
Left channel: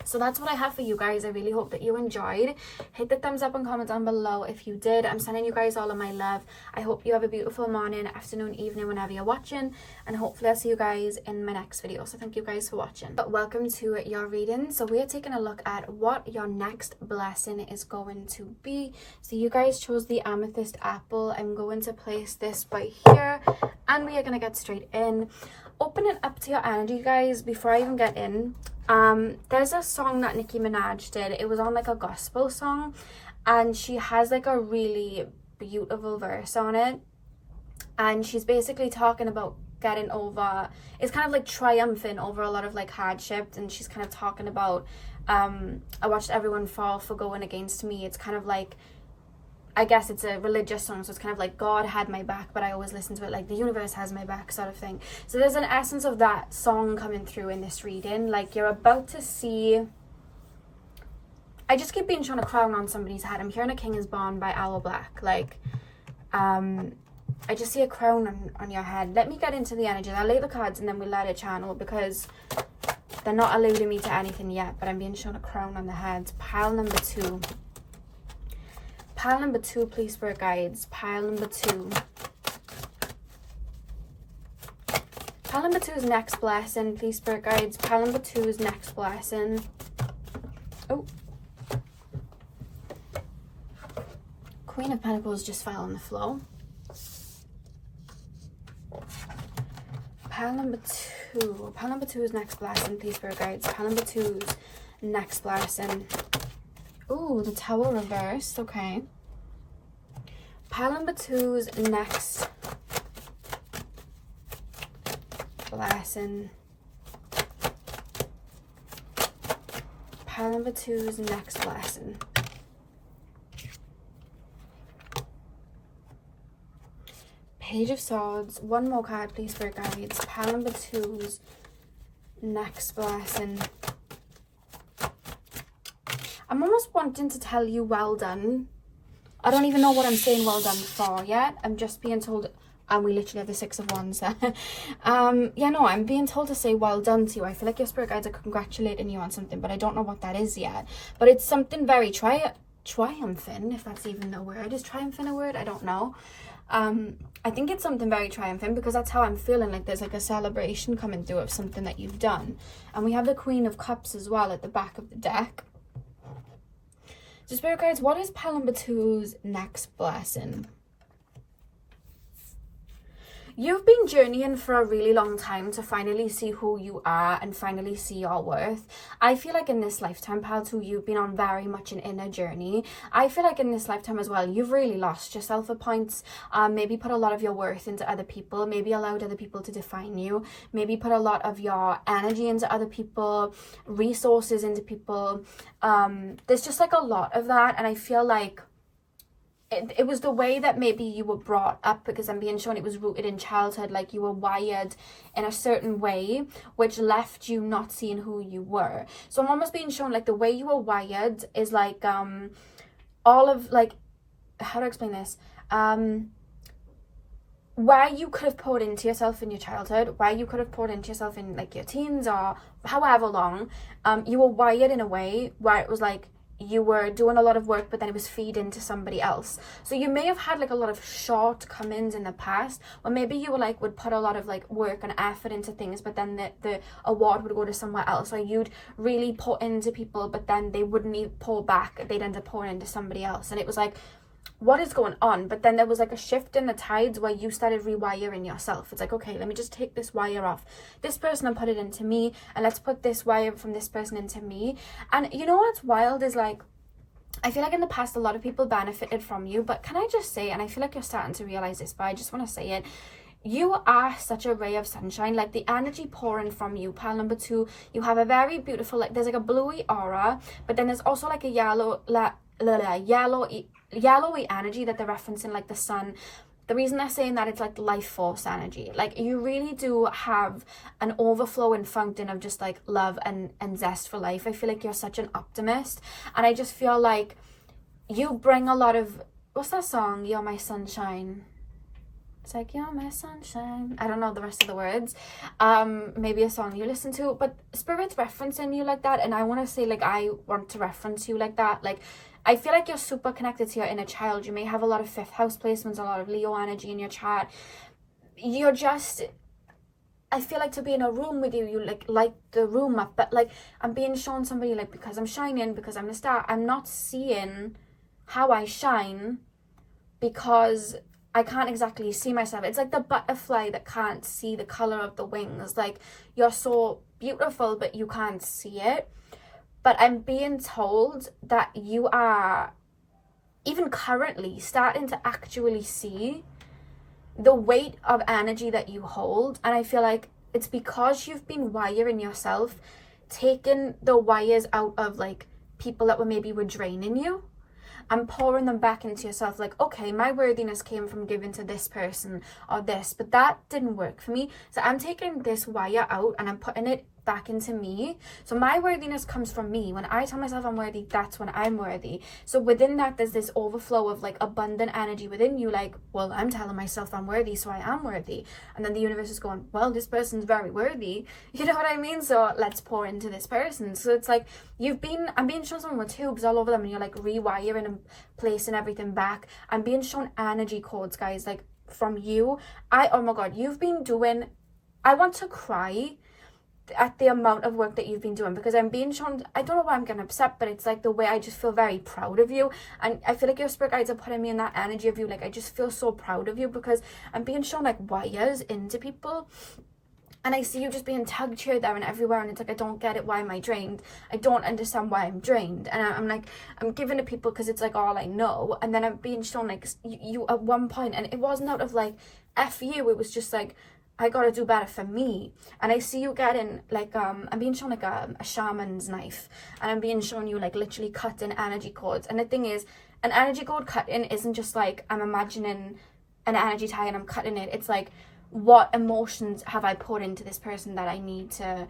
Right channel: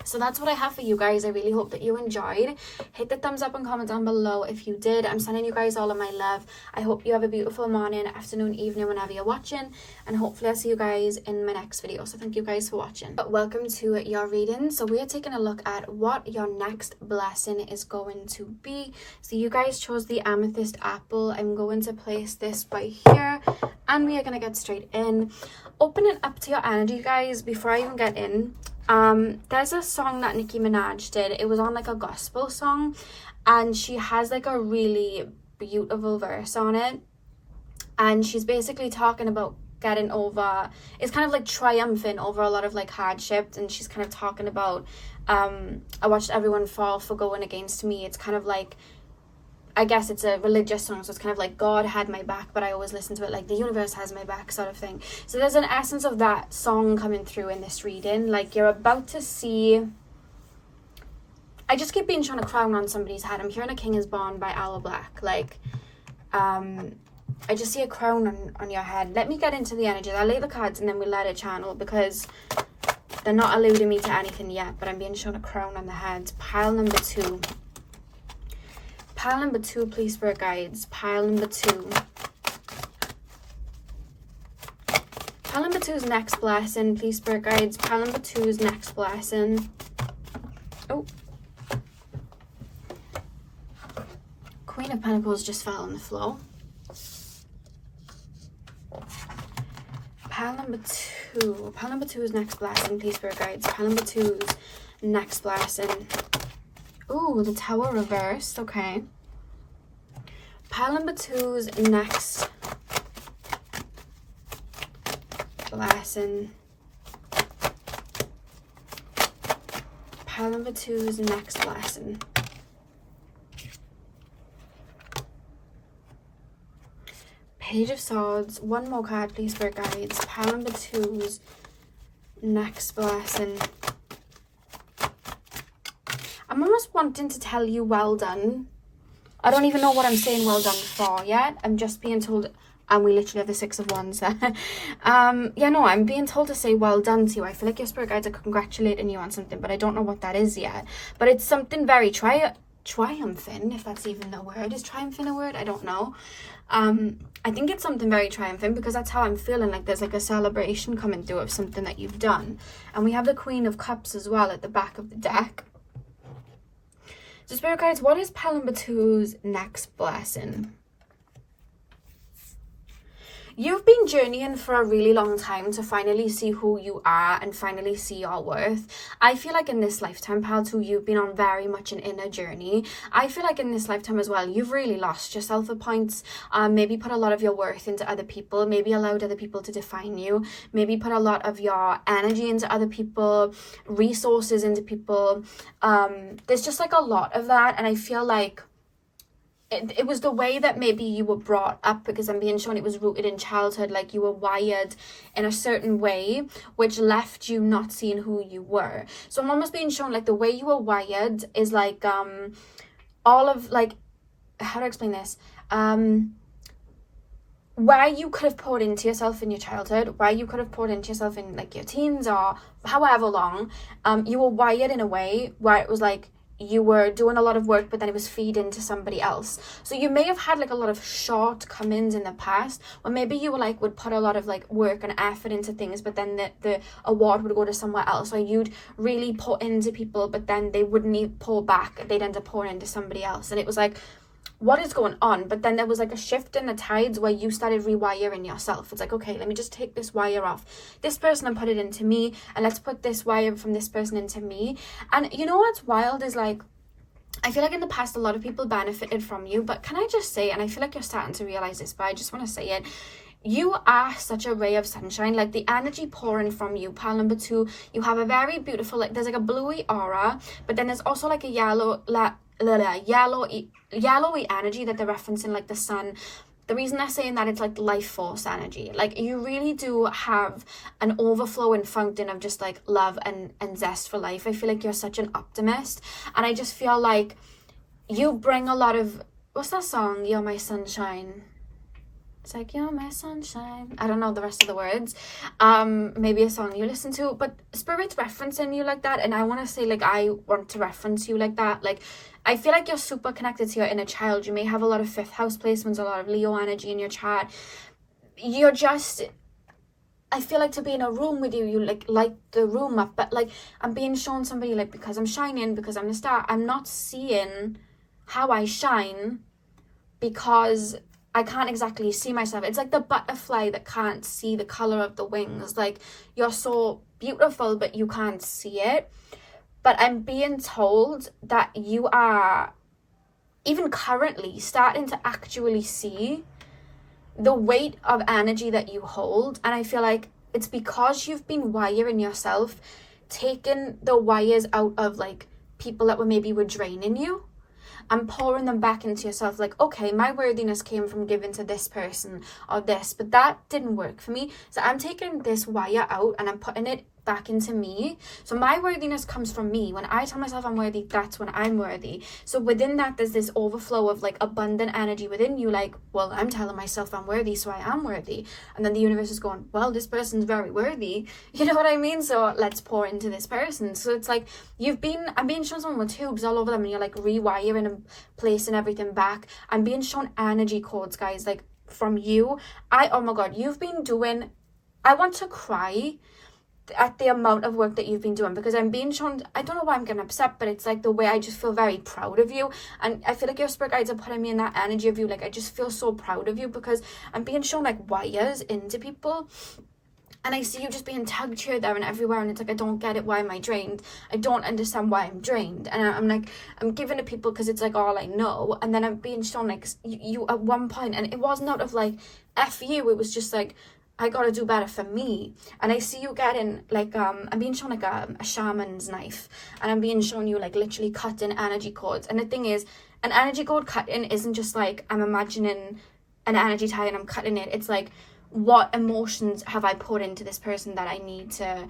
So that's what I have for you guys. I really hope that you enjoyed. Hit the thumbs up and comment down below if you did. I'm sending you guys all of my love. I hope you have a beautiful morning, afternoon, evening, whenever you're watching. And hopefully I'll see you guys in my next video. So thank you guys for watching. But welcome to your reading. So we are taking a look at what your next blessing is going to be. So you guys chose the amethyst apple. I'm going to place this right here. And we are going to get straight in. Open it up to your energy, guys, before I even get in. There's a song that Nicki Minaj did. It was on like a gospel song, and she has like a really beautiful verse on it, and she's basically talking about getting over, it's kind of like triumphing over a lot of like hardship, and she's kind of talking about I watched everyone fall for going against me. It's kind of like, I guess it's a religious song, so it's kind of like God had my back, but I always listen to it like the universe has my back sort of thing. So there's an essence of that song coming through in this reading. Like you're about to see... I just keep being shown a crown on somebody's head. I'm hearing A King is Born by Owl Black. Like, I just see a crown on your head. Let me get into the energy. I'll lay the cards and then we'll let it channel because they're not alluding me to anything yet, but I'm being shown a crown on the head. Pile number 2. Pile number 2, please, spirit guides. Pile number 2. Pile number 2's next blessing, please, spirit guides. Pile number 2's next blessing. Oh. Queen of Pentacles just fell on the floor. Pile number 2. Pile number 2's next blessing, please, spirit guides. Pile number 2's next blessing. Oh, the Tower reversed. Okay. Pile number 2's next blessing. Pile number 2's next blessing. Page of Swords. One more card, please, for guides. Pile number 2's next blessing. I'm almost wanting to tell you well done. I don't even know what I'm saying well done for yet. I'm just being told, and we literally have the 6 of Wands there. Yeah, no, I'm being told to say well done to you. I feel like your spirit guides are congratulating you on something, but I don't know what that is yet. But it's something very triumphant, if that's even the word. Is triumphant a word? I don't know. I think it's something very triumphant because that's how I'm feeling. Like there's like a celebration coming through of something that you've done. And we have the Queen of Cups as well at the back of the deck. So spirit guides, what is pile number 2's next blessing? you've been journeying for a really long time to finally see who you are and finally see your worth. I feel like in this lifetime, pal, too, you've been on very much an inner journey. I feel like in this lifetime as well, you've really lost yourself at points. Maybe put a lot of your worth into other people, maybe allowed other people to define you, maybe put a lot of your energy into other people, resources into people. There's just like a lot of that, and I feel like it was the way that maybe you were brought up, because I'm being shown it was rooted in childhood, like you were wired in a certain way, which left you not seeing who you were. So I'm almost being shown like the way you were wired is like all of like, how do I explain this? Where you could have poured into yourself in your childhood, where you could have poured into yourself in like your teens or however long, you were wired in a way where it was like you were doing a lot of work, but then it was feeding to somebody else. So you may have had like a lot of shortcomings in the past, or maybe you were like would put a lot of like work and effort into things, but then the award would go to somewhere else, or you'd really put into people, but then they wouldn't even pour back, they'd end up pouring into somebody else. And it was like, what is going on? But then there was like a shift in the tides where you started rewiring yourself. It's like, okay, let me just take this wire off this person and put it into me, and let's put this wire from this person into me. And you know what's wild is like, I feel like in the past a lot of people benefited from you, but can I just say, and I feel like you're starting to realize this, but I just want to say it, you are such a ray of sunshine. Like the energy pouring from you, pal number 2, you have a very beautiful, like there's like a bluey aura, but then there's also like a yellowy energy that they're referencing, like the sun. The reason they're saying that, it's like life force energy. Like you really do have an overflowing fountain of just like love and zest for life. I feel like you're such an optimist, and I just feel like you bring a lot of, what's that song, You're My Sunshine? It's like, you're my sunshine. I don't know the rest of the words. Maybe a song you listen to, but Spirit's referencing you like that, and I want to say like I want to reference you like that. Like I feel like you're super connected to your inner child. You may have a lot of 5th house placements, a lot of Leo energy in your chart. You're just, I feel like to be in a room with you, you like light the room up. But like I'm being shown somebody like, because I'm shining, because I'm the star, I'm not seeing how I shine because I can't exactly see myself. It's like the butterfly that can't see the color of the wings. Like you're so beautiful, but you can't see it. But I'm being told that you are even currently starting to actually see the weight of energy that you hold. And I feel like it's because you've been wiring yourself, taking the wires out of like people that were draining you, and pouring them back into yourself. Like, okay, my worthiness came from giving to this person or this, but that didn't work for me. So I'm taking this wire out and I'm putting it back into me. So my worthiness comes from me. When I tell myself I'm worthy, that's when I'm worthy. So within that, there's this overflow of like abundant energy within you. Like, well, I'm telling myself I'm worthy, so I am worthy. And then the universe is going, well, this person's very worthy. You know what I mean? So let's pour into this person. So it's like I'm being shown someone with tubes all over them, and you're like rewiring and placing everything back. I'm being shown energy codes, guys, like from you. Oh my God, you've been doing, I want to cry at the amount of work that you've been doing, because I'm being shown, I don't know why I'm getting upset, but it's like the way I just feel very proud of you. And I feel like your spirit guides are putting me in that energy of you. Like I just feel so proud of you, because I'm being shown like wires into people, and I see you just being tugged here, there and everywhere, and it's like, I don't get it. Why am I drained? I don't understand why I'm drained. And I'm like, I'm giving to people because it's like all I know. And then I'm being shown like you at one point, and it wasn't out of like F you, it was just like, I gotta do better for me. And I see you getting like I'm being shown like a shaman's knife, and I'm being shown you like literally cutting energy cords. And the thing is, an energy cord cutting isn't just like I'm imagining an energy tie and I'm cutting it. It's like, what emotions have I put into this person that I need to,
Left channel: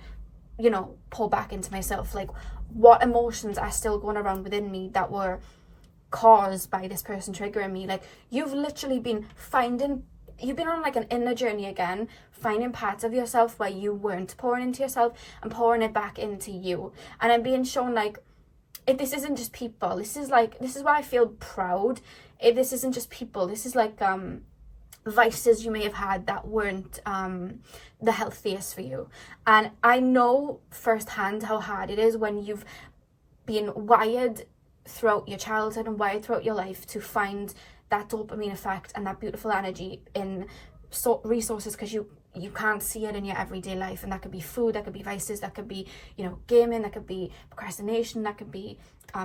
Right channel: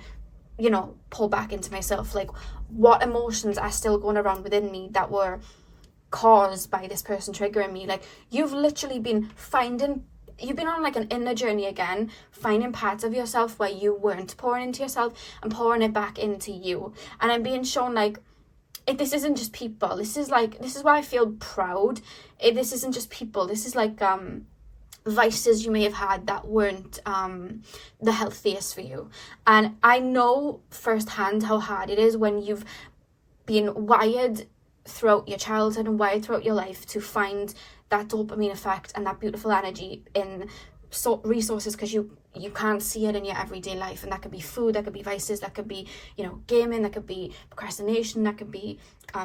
you know, pull back into myself? Like what emotions are still going around within me that were caused by this person triggering me? Like you've literally been you've been on like an inner journey again, finding parts of yourself where you weren't pouring into yourself and pouring it back into you. And I'm being shown like, this isn't just people. This is why I feel proud. This isn't just people. This is like vices you may have had that weren't the healthiest for you. And I know firsthand how hard it is when you've been wired throughout your childhood and wired throughout your life to find that dopamine effect and that beautiful energy in resources because you can't see it in your everyday life, and that could be food, that could be vices, that could be, you know, gaming, that could be procrastination, that could be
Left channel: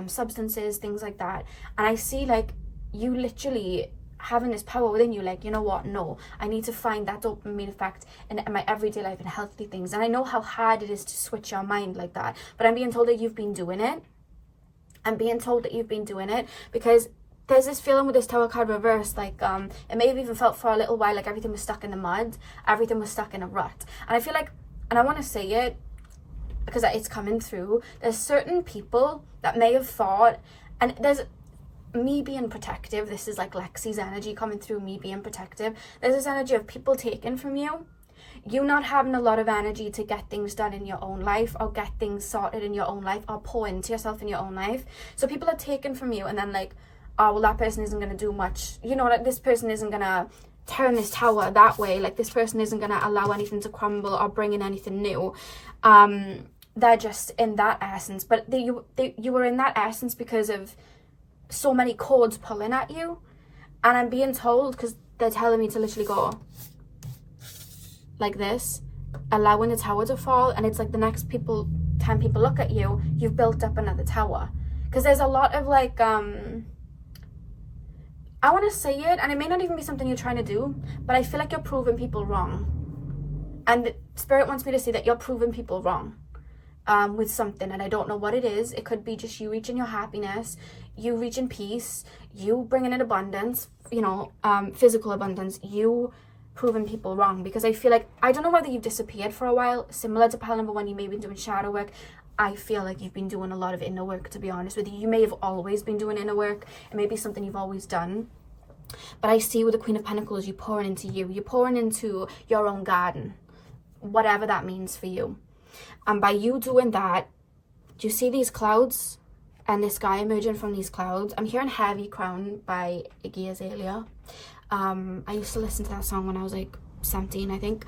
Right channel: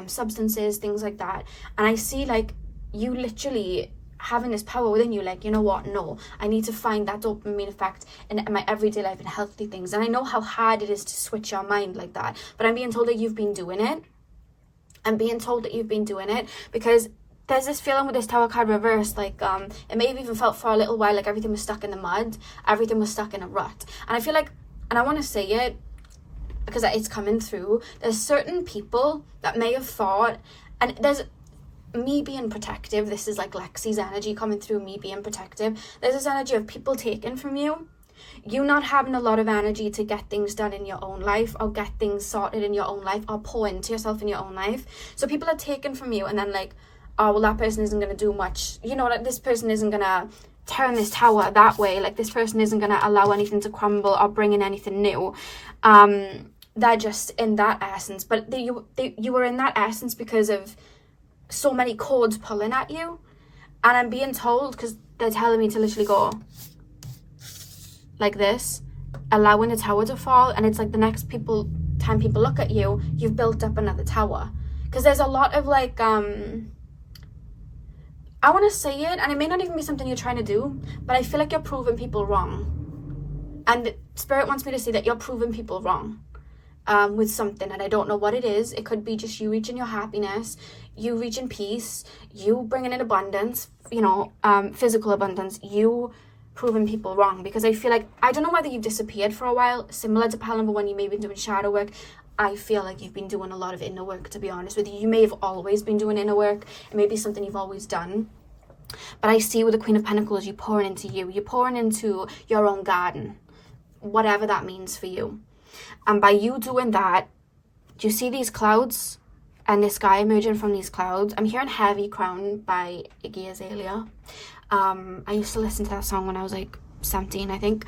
substances, things like that. And I see like you literally having this power within you, like, you know what, no, I need to find that dopamine effect in my everyday life and healthy things. And I know how hard it is to switch your mind like that, but I'm being told that you've been doing it. I'm being told that you've been doing it because there's this feeling with this Tower card reversed, like, it may have even felt for a little while like everything was stuck in the mud, everything was stuck in a rut. And I feel like, and I want to say it because it's coming through, there's certain people that may have thought, and there's me being protective, this is like Lexi's energy coming through, me being protective. There's this energy of people taking from you not having a lot of energy to get things done in your own life, or get things sorted in your own life, or pour into yourself in your own life. So people are taking from you, and then like, oh, well, that person isn't going to do much, you know, like this person isn't going to turn this tower that way, like this person isn't going to allow anything to crumble or bring in anything new. They're just in that essence, but you were in that essence because of so many cords pulling at you. And I'm being told, because they're telling me to literally go like this, allowing the tower to fall, and it's like the next time people look at you, you've built up another tower. Because there's a lot of like, I want to say it, and it may not even be something you're trying to do, but I feel like you're proving people wrong. And Spirit wants me to say that you're proving people wrong with something, and I don't know what it is. It could be just you reaching your happiness, you reaching peace, you bringing in abundance, you know, physical abundance, you proving people wrong. Because I feel like, I don't know whether you've disappeared for a while, similar to pile number 1, you may have been doing shadow work. I feel like you've been doing a lot of inner work, to be honest with you. You may have always been doing inner work. It may be something you've always done. But I see with the Queen of Pentacles, you're pouring into you. You're pouring into your own garden, whatever that means for you. And by you doing that, do you see these clouds and this guy emerging from these clouds? I'm hearing Heavy Crown by Iggy Azalea. I used to listen to that song when I was like 17, I think.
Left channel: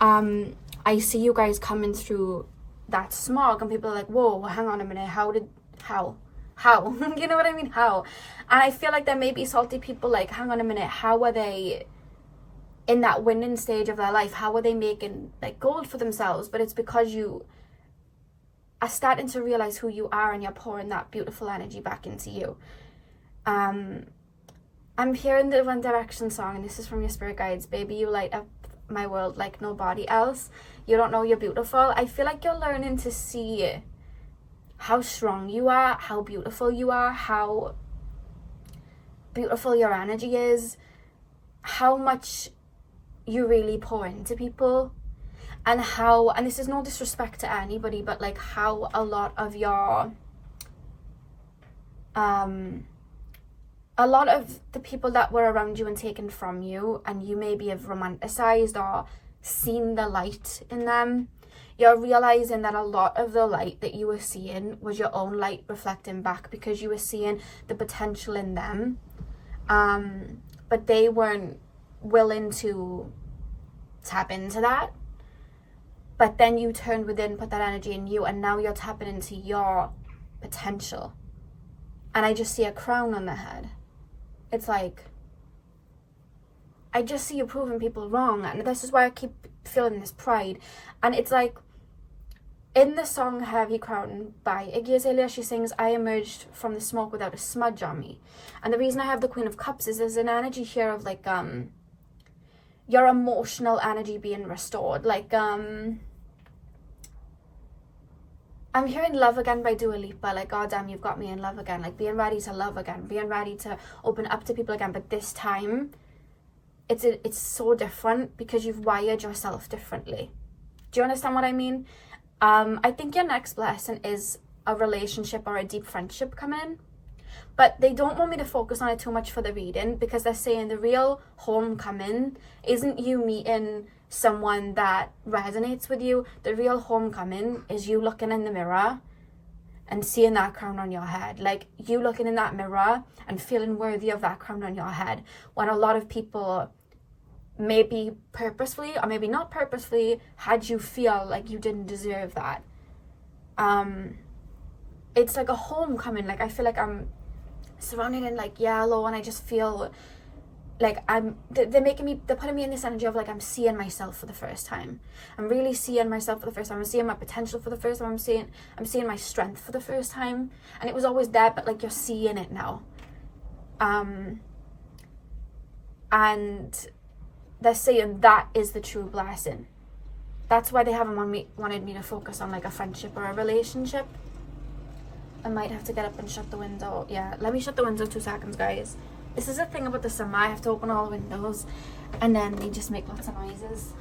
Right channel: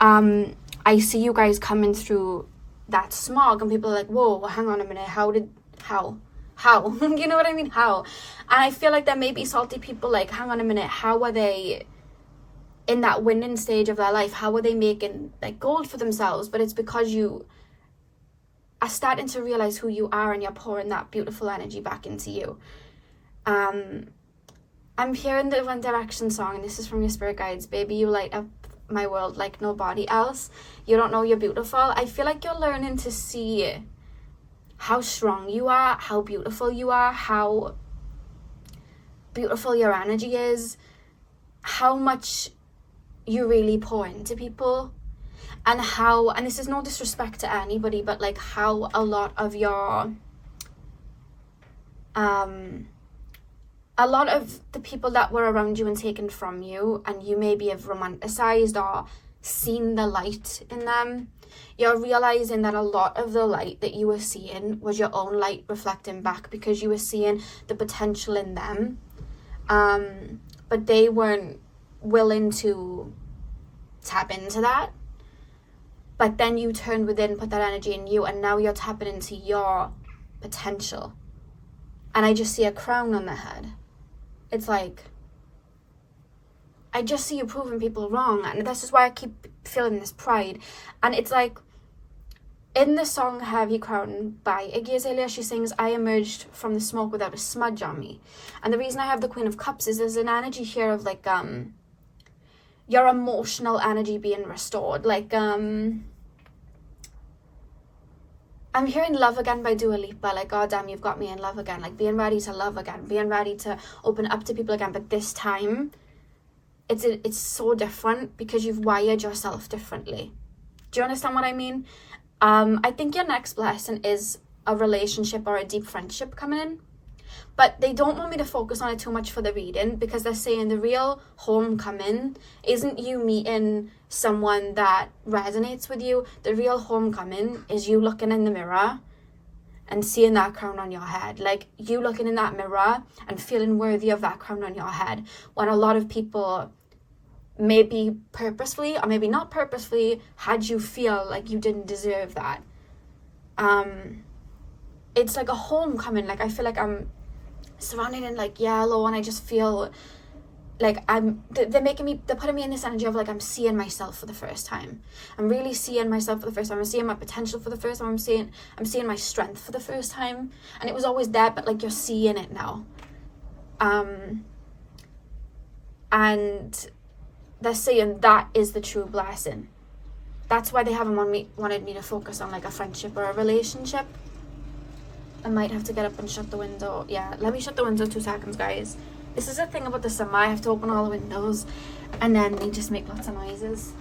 I see you guys coming through that smog, and people are like, whoa, hang on a minute, how you know what I mean, how? And I feel like there may be salty people like, hang on a minute, how are they in that winning stage of their life? How are they making like gold for themselves? But it's because you are starting to realize who you are, and you're pouring that beautiful energy back into you. I'm hearing the One Direction song, and this is from your spirit guides. Baby, you light up my world like nobody else. You don't know you're beautiful. I feel like you're learning to see how strong you are, how beautiful you are, how beautiful your energy is, how much you really pour into people, and how, and this is no disrespect to anybody, but like how a lot of your a lot of the people that were around you and taken from you, and you maybe have romanticized or seen the light in them, you're realizing that a lot of the light that you were seeing was your own light reflecting back, because you were seeing the potential in them, but they weren't willing to tap into that. But then you turned within, put that energy in you, and now you're tapping into your potential. And I just see a crown on the head. It's like, I just see you proving people wrong, and this is why I keep feeling this pride. And it's like, in the song Heavy Crown by Iggy Azalea, she sings, I emerged from the smoke without a smudge on me. And the reason I have the Queen of Cups is there's an energy here of like, your emotional energy being restored. Like, I'm hearing Love Again by Dua Lipa, like, God damn, you've got me in love again, like being ready to love again, being ready to open up to people again. But this time, it's so different because you've wired yourself differently. Do you understand what I mean? I think your next blessing is a relationship or a deep friendship coming in. But they don't want me to focus on it too much for the reading, because they're saying the real homecoming isn't you meeting someone that resonates with you. The real homecoming is you looking in the mirror and seeing that crown on your head. Like, you looking in that mirror and feeling worthy of that crown on your head, when a lot of people maybe purposefully or maybe not purposefully had you feel like you didn't deserve that. It's like a homecoming. Like, I feel like I'm surrounded in like yellow, and I just feel like they're putting me in this energy of like I'm seeing myself for the first time. I'm really seeing myself for the first time. I'm seeing my potential for the first time. I'm seeing my strength for the first time. And it was always there, but like you're seeing it now. And they're saying that is the true blessing. That's why they haven't wanted me to focus on like a friendship or a relationship. I might have to get up and shut the window. Yeah, let me shut the window 2 seconds, guys. This is the thing about the summer. I have to open all the windows and then they just make lots of noises.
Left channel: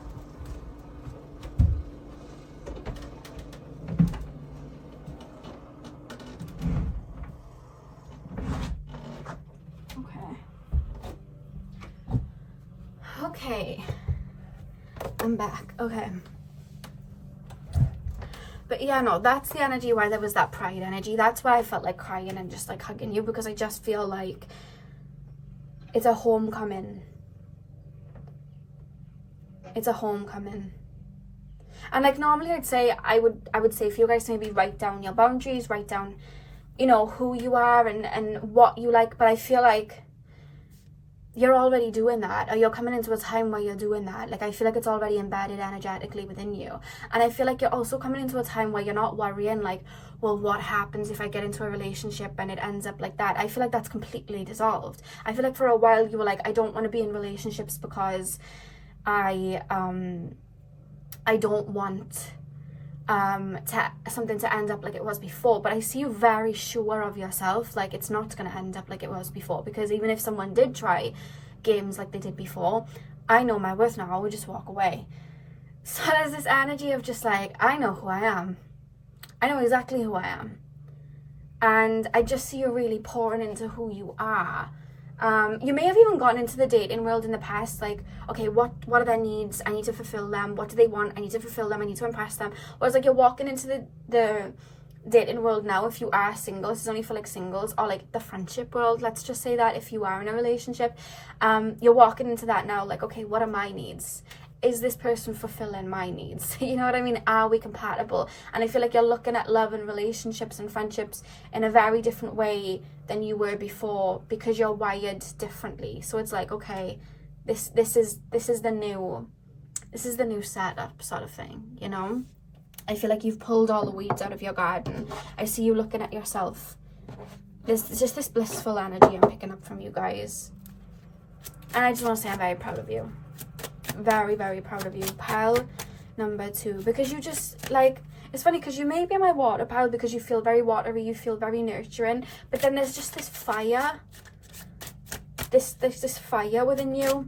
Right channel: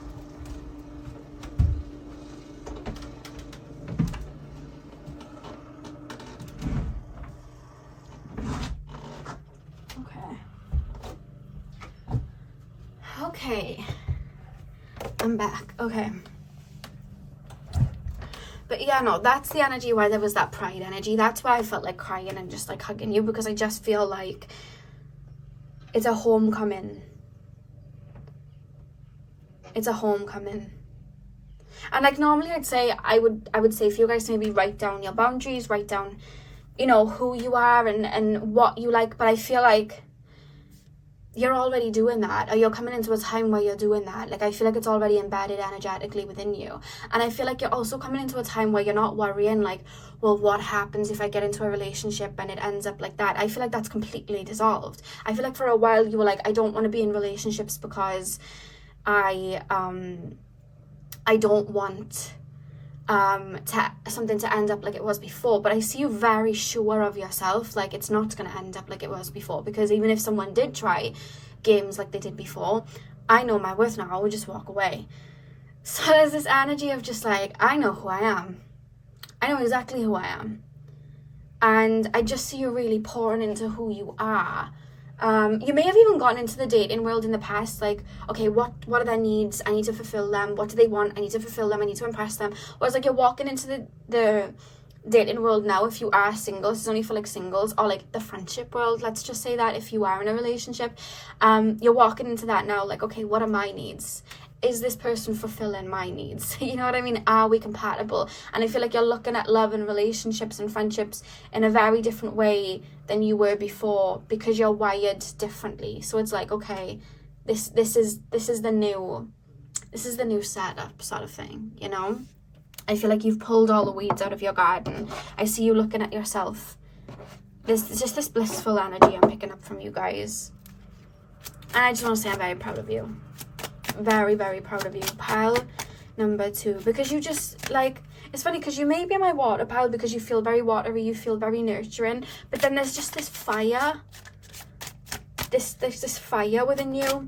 Okay. I'm back. Okay. But yeah, no, that's the energy why there was that pride energy. That's why I felt like crying and just like hugging you, because I just feel like it's a homecoming. It's a homecoming. And like normally I'd say, I would say for you guys to maybe write down your boundaries, write down, you know, who you are and what you like. But I feel like you're already doing that, or you're coming into a time where you're doing that. Like I feel like it's already embedded energetically within you. And I feel like you're also coming into a time where you're not worrying like, well, what happens if I get into a relationship and it ends up like that? I feel like that's completely dissolved. I feel like for a while you were like, I don't want to be in relationships because I don't want something to end up like it was before. But I see you very sure of yourself, like it's not going to end up like it was before, because even if someone did try games like they did before, I know my worth now. I would just walk away. So there's this energy of just like, I know who I am. I know exactly who I am, and I just see you really pouring into who you are. You may have even gotten into the dating world in the past, like, okay, what are their needs? I need to fulfill them. What do they want? I need to fulfill them. I need to impress them. Whereas like you're walking into the dating world now, if you are single, this is only for like singles, or like the friendship world, let's just say that if you are in a relationship, you're walking into that now, like, okay, what are my needs? Is this person fulfilling my needs? You know what I mean? Are we compatible? And I feel like you're looking at love and relationships and friendships in a very different way than you were before, because you're wired differently. So it's like, okay, this is the new setup sort of thing, you know? I feel like you've pulled all the weeds out of your garden. I see you looking at yourself. There's just this blissful energy I'm picking up from you guys. And I just want to say I'm very proud of you. Very, very proud of you. Pile number 2. Because you just, like, it's funny because you may be my water pile because you feel very watery, you feel very nurturing. But then there's just this fire. There's this fire within you.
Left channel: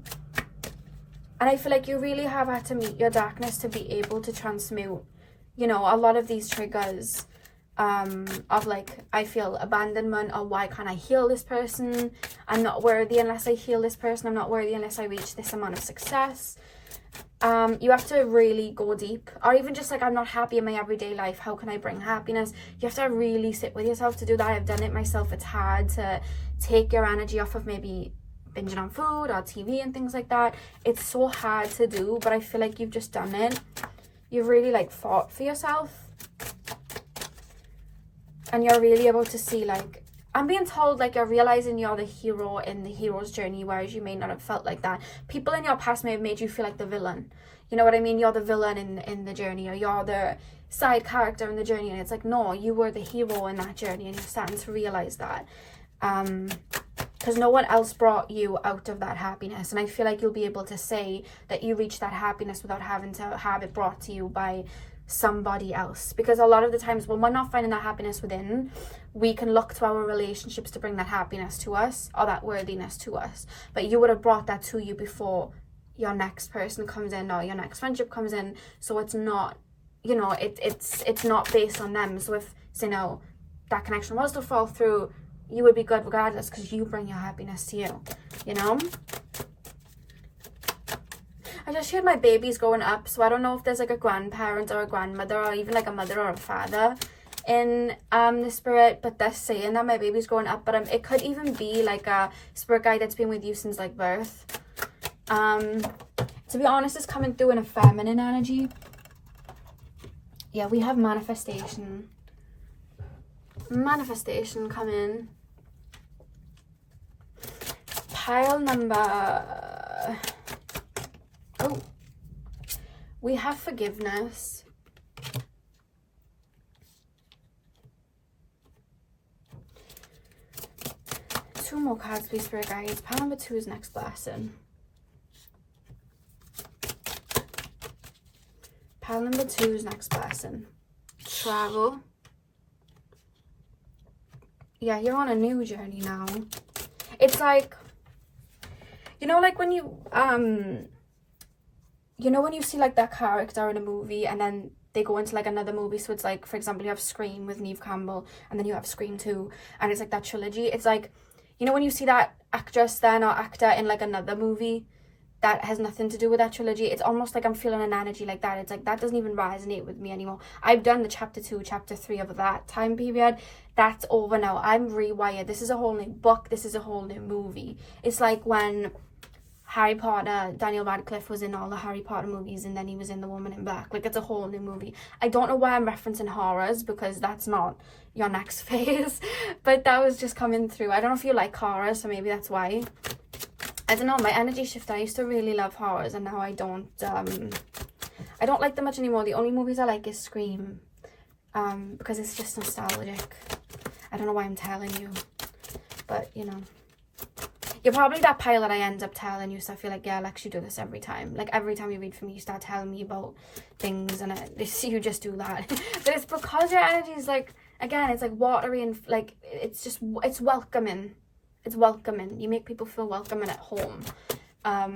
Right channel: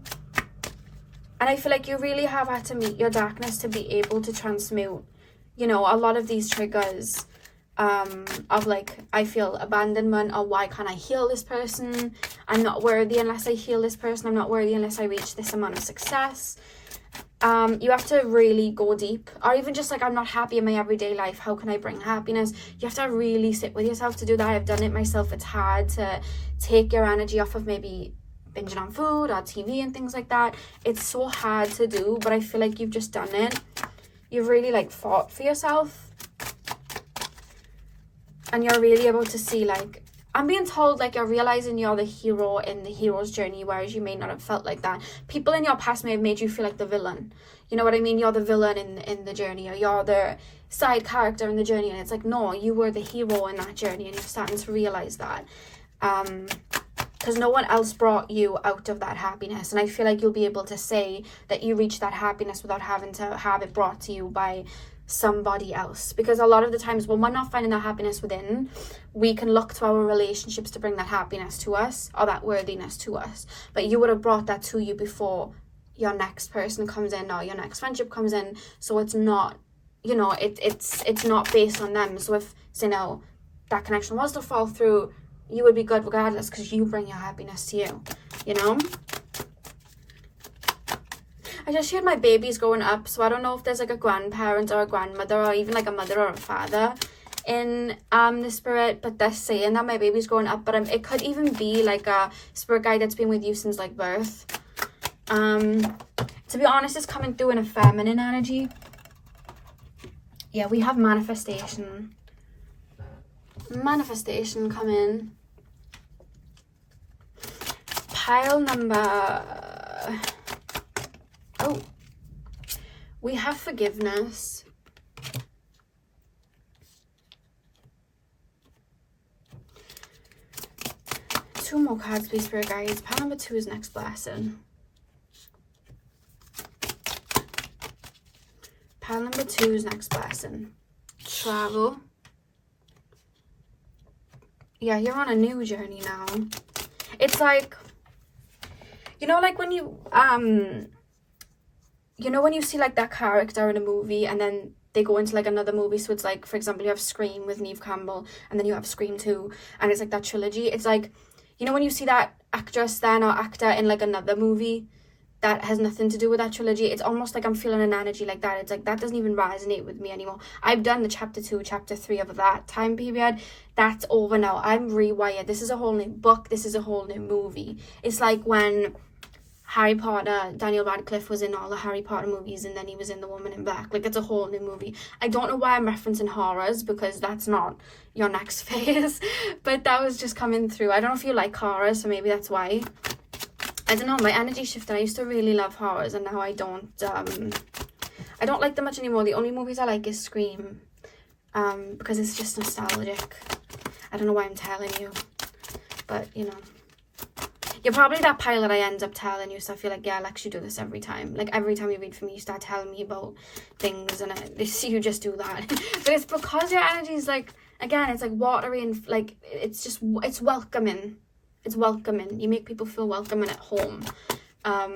And I feel like you really have had to meet your darkness to be able to transmute, you know, a lot of these triggers of like, I feel abandonment, or why can't I heal this person? I'm not worthy unless I heal this person. I'm not worthy unless I reach this amount of success. You have to really go deep, or even just like, I'm not happy in my everyday life. How can I bring happiness? You have to really sit with yourself to do that. I've done it myself. It's hard to take your energy off of maybe binging on food or TV and things like that. It's so hard to do, but I feel like you've just done it. You've really like fought for yourself. And you're really able to see, like, I'm being told like you're realizing you're the hero in the hero's journey, whereas you may not have felt like that. People in your past may have made you feel like the villain. You know what I mean? You're the villain in the journey, or you're the side character in the journey. And it's like, no, you were the hero in that journey, and you're starting to realize that. Because no one else brought you out of that happiness. And I feel like you'll be able to say that you reached that happiness without having to have it brought to you by somebody else. Because a lot of the times when we're not finding that happiness within, we can look to our relationships to bring that happiness to us, or that worthiness to us. But you would have brought that to you before your next person comes in, or your next friendship comes in. So it's not, you know, it's not based on them. So if, you know, that connection was to fall through, you would be good regardless, because you bring your happiness to you, you know? I just heard my baby's growing up, so I don't know if there's like a grandparent or a grandmother, or even like a mother or a father in the spirit, but they're saying that my baby's growing up. But it could even be like a spirit guide that's been with you since like birth. To be honest, it's coming through in a feminine energy. Yeah, we have manifestation coming. Pile number... Oh. We have forgiveness. Two more cards, please, Spirit Guides. Pile number 2 is next blessing. Pile number 2 is next blessing. Travel. Yeah, you're on a new journey now. It's like, you know, like when you, you know when you see like that character in a movie and then they go into like another movie, so it's like, for example, you have Scream with Neve Campbell and then you have Scream 2 and it's like that trilogy. It's like, you know when you see that actress then or actor in like another movie that has nothing to do with that trilogy, it's almost like I'm feeling an energy like that. It's like that doesn't even resonate with me anymore. I've done the chapter 2, chapter 3 of that time period. That's over now. I'm rewired. This is a whole new book. This is a whole new movie. It's like when Harry Potter, Daniel Radcliffe was in all the Harry Potter movies and then he was in The Woman in Black. Like, it's a whole new movie. I don't know why I'm referencing horrors because that's not your next phase, but that was just coming through. I don't know if you like horrors, so maybe that's why. I don't know, my energy shifted. I used to really love horrors and now I don't like them much anymore. The only movies I like is Scream, because it's just nostalgic. I don't know why I'm telling you, but you know. You're probably that pile that I end up telling you, so I feel like, yeah, Lex, you do this every time. Like, every time you read from me, you start telling me about things, and you just do that. But it's because your energy is, like, again, it's, like, watery, and, like, it's just, it's welcoming. It's welcoming. You make people feel welcome and at home. I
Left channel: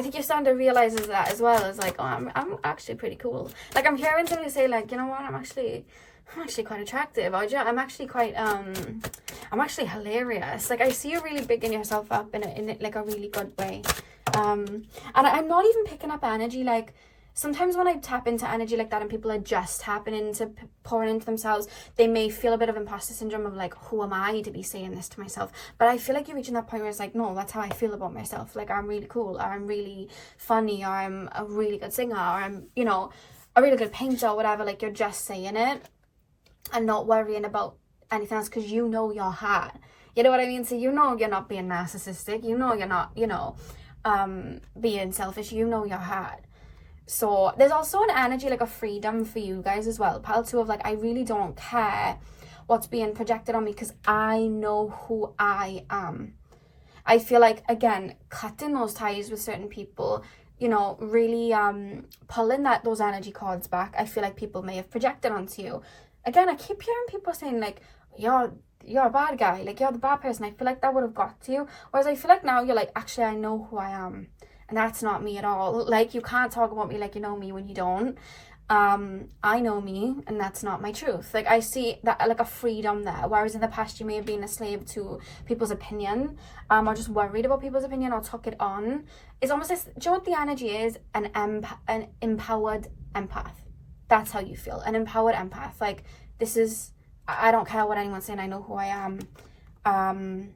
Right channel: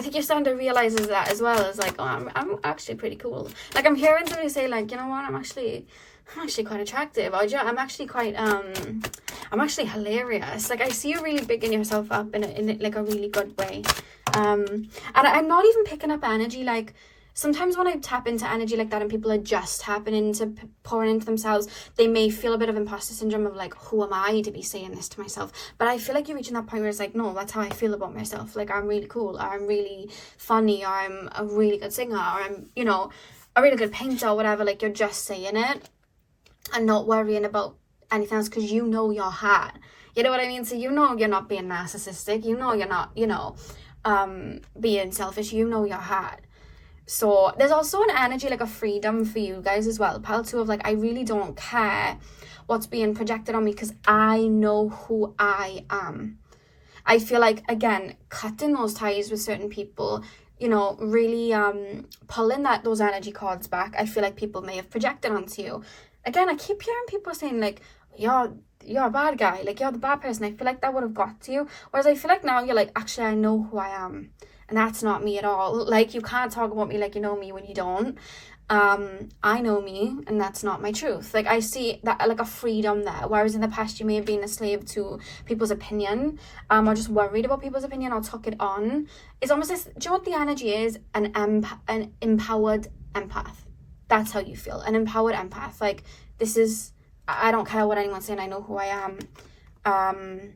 think you're starting to realize that as well. It's like, oh, I'm actually pretty cool. Like, I'm hearing somebody say, like, you know what, I'm actually quite attractive. I'm actually quite, I'm actually hilarious. Like, I see you really bigging yourself up in like a really good way. And I'm not even picking up energy. Like, sometimes when I tap into energy like that and people are just tapping into pouring into themselves, they may feel a bit of imposter syndrome of like, who am I to be saying this to myself? But I feel like you're reaching that point where it's like, no, that's how I feel about myself. Like, I'm really cool, or I'm really funny, or I'm a really good singer, or I'm, you know, a really good painter, or whatever. Like, you're just saying it and not worrying about anything else because you know your heart. You know what I mean? So you know you're not being narcissistic. You know you're not, you know, being selfish. You know your heart. So there's also an energy, like a freedom for you guys as well. Pile 2 of like, I really don't care what's being projected on me because I know who I am. I feel like, again, cutting those ties with certain people, you know, really pulling those energy cards back. I feel like people may have projected onto you. Again, I keep hearing people saying like, you're a bad guy, like you're the bad person. I feel like that would have got to you. Whereas I feel like now you're like, actually, I know who I am. And that's not me at all. Like, you can't talk about me like you know me when you don't. I know me, and that's not my truth. Like, I see that like a freedom there. Whereas in the past, you may have been a slave to people's opinion, or just worried about people's opinion, or took it on. It's almost this, do you know what the energy is? An empowered empath. That's how you feel. An empowered empath. Like, this is, I don't care what anyone's saying. I know who I am. And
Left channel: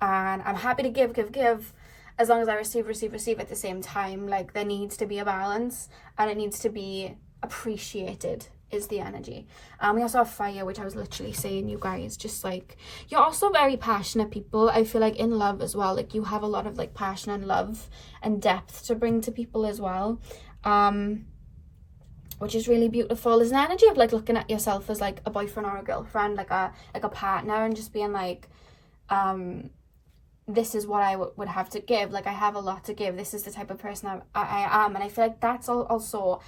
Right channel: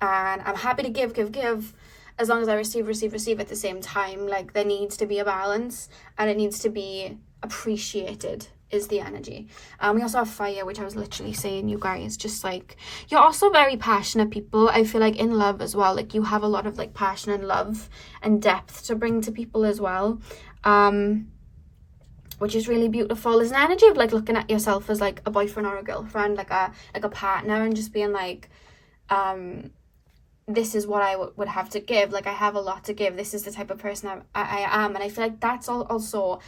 I'm happy to give. As long as I receive at the same time. Like, there needs to be a balance and it needs to be appreciated is the energy. We also have fire, which I was literally saying, you guys, just like, you're also very passionate people. I feel like in love as well, like you have a lot of like passion and love and depth to bring to people as well, which is really beautiful. There's an energy of like looking at yourself as like a boyfriend or a girlfriend, like a partner, and just being like, this is what I would have to give. Like, I have a lot to give. This is the type of person I am. And I feel like that's also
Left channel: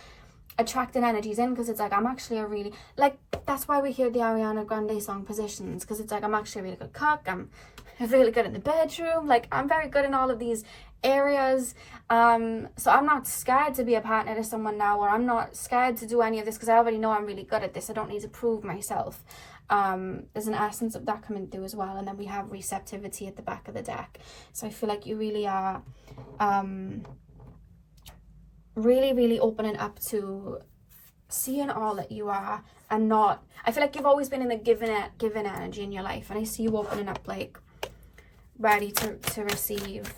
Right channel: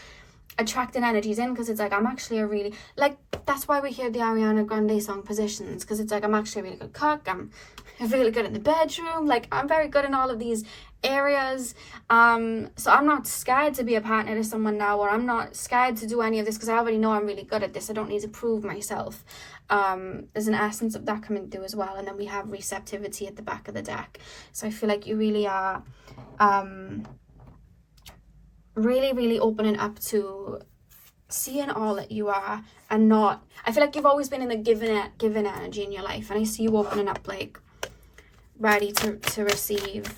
attracting energies in, because it's like, I'm actually a really, like, that's why we hear the Ariana Grande song Positions, because it's like, I'm actually a really good cook. I'm really good in the bedroom. Like, I'm very good in all of these areas. So I'm not scared to be a partner to someone now, or I'm not scared to do any of this because I already know I'm really good at this. I don't need to prove myself. There's an essence of that coming through as well. And then we have receptivity at the back of the deck. So I feel like you really are really opening up to seeing all that you are, and not, I feel like you've always been in the giving energy in your life, and I see you opening up, like ready to receive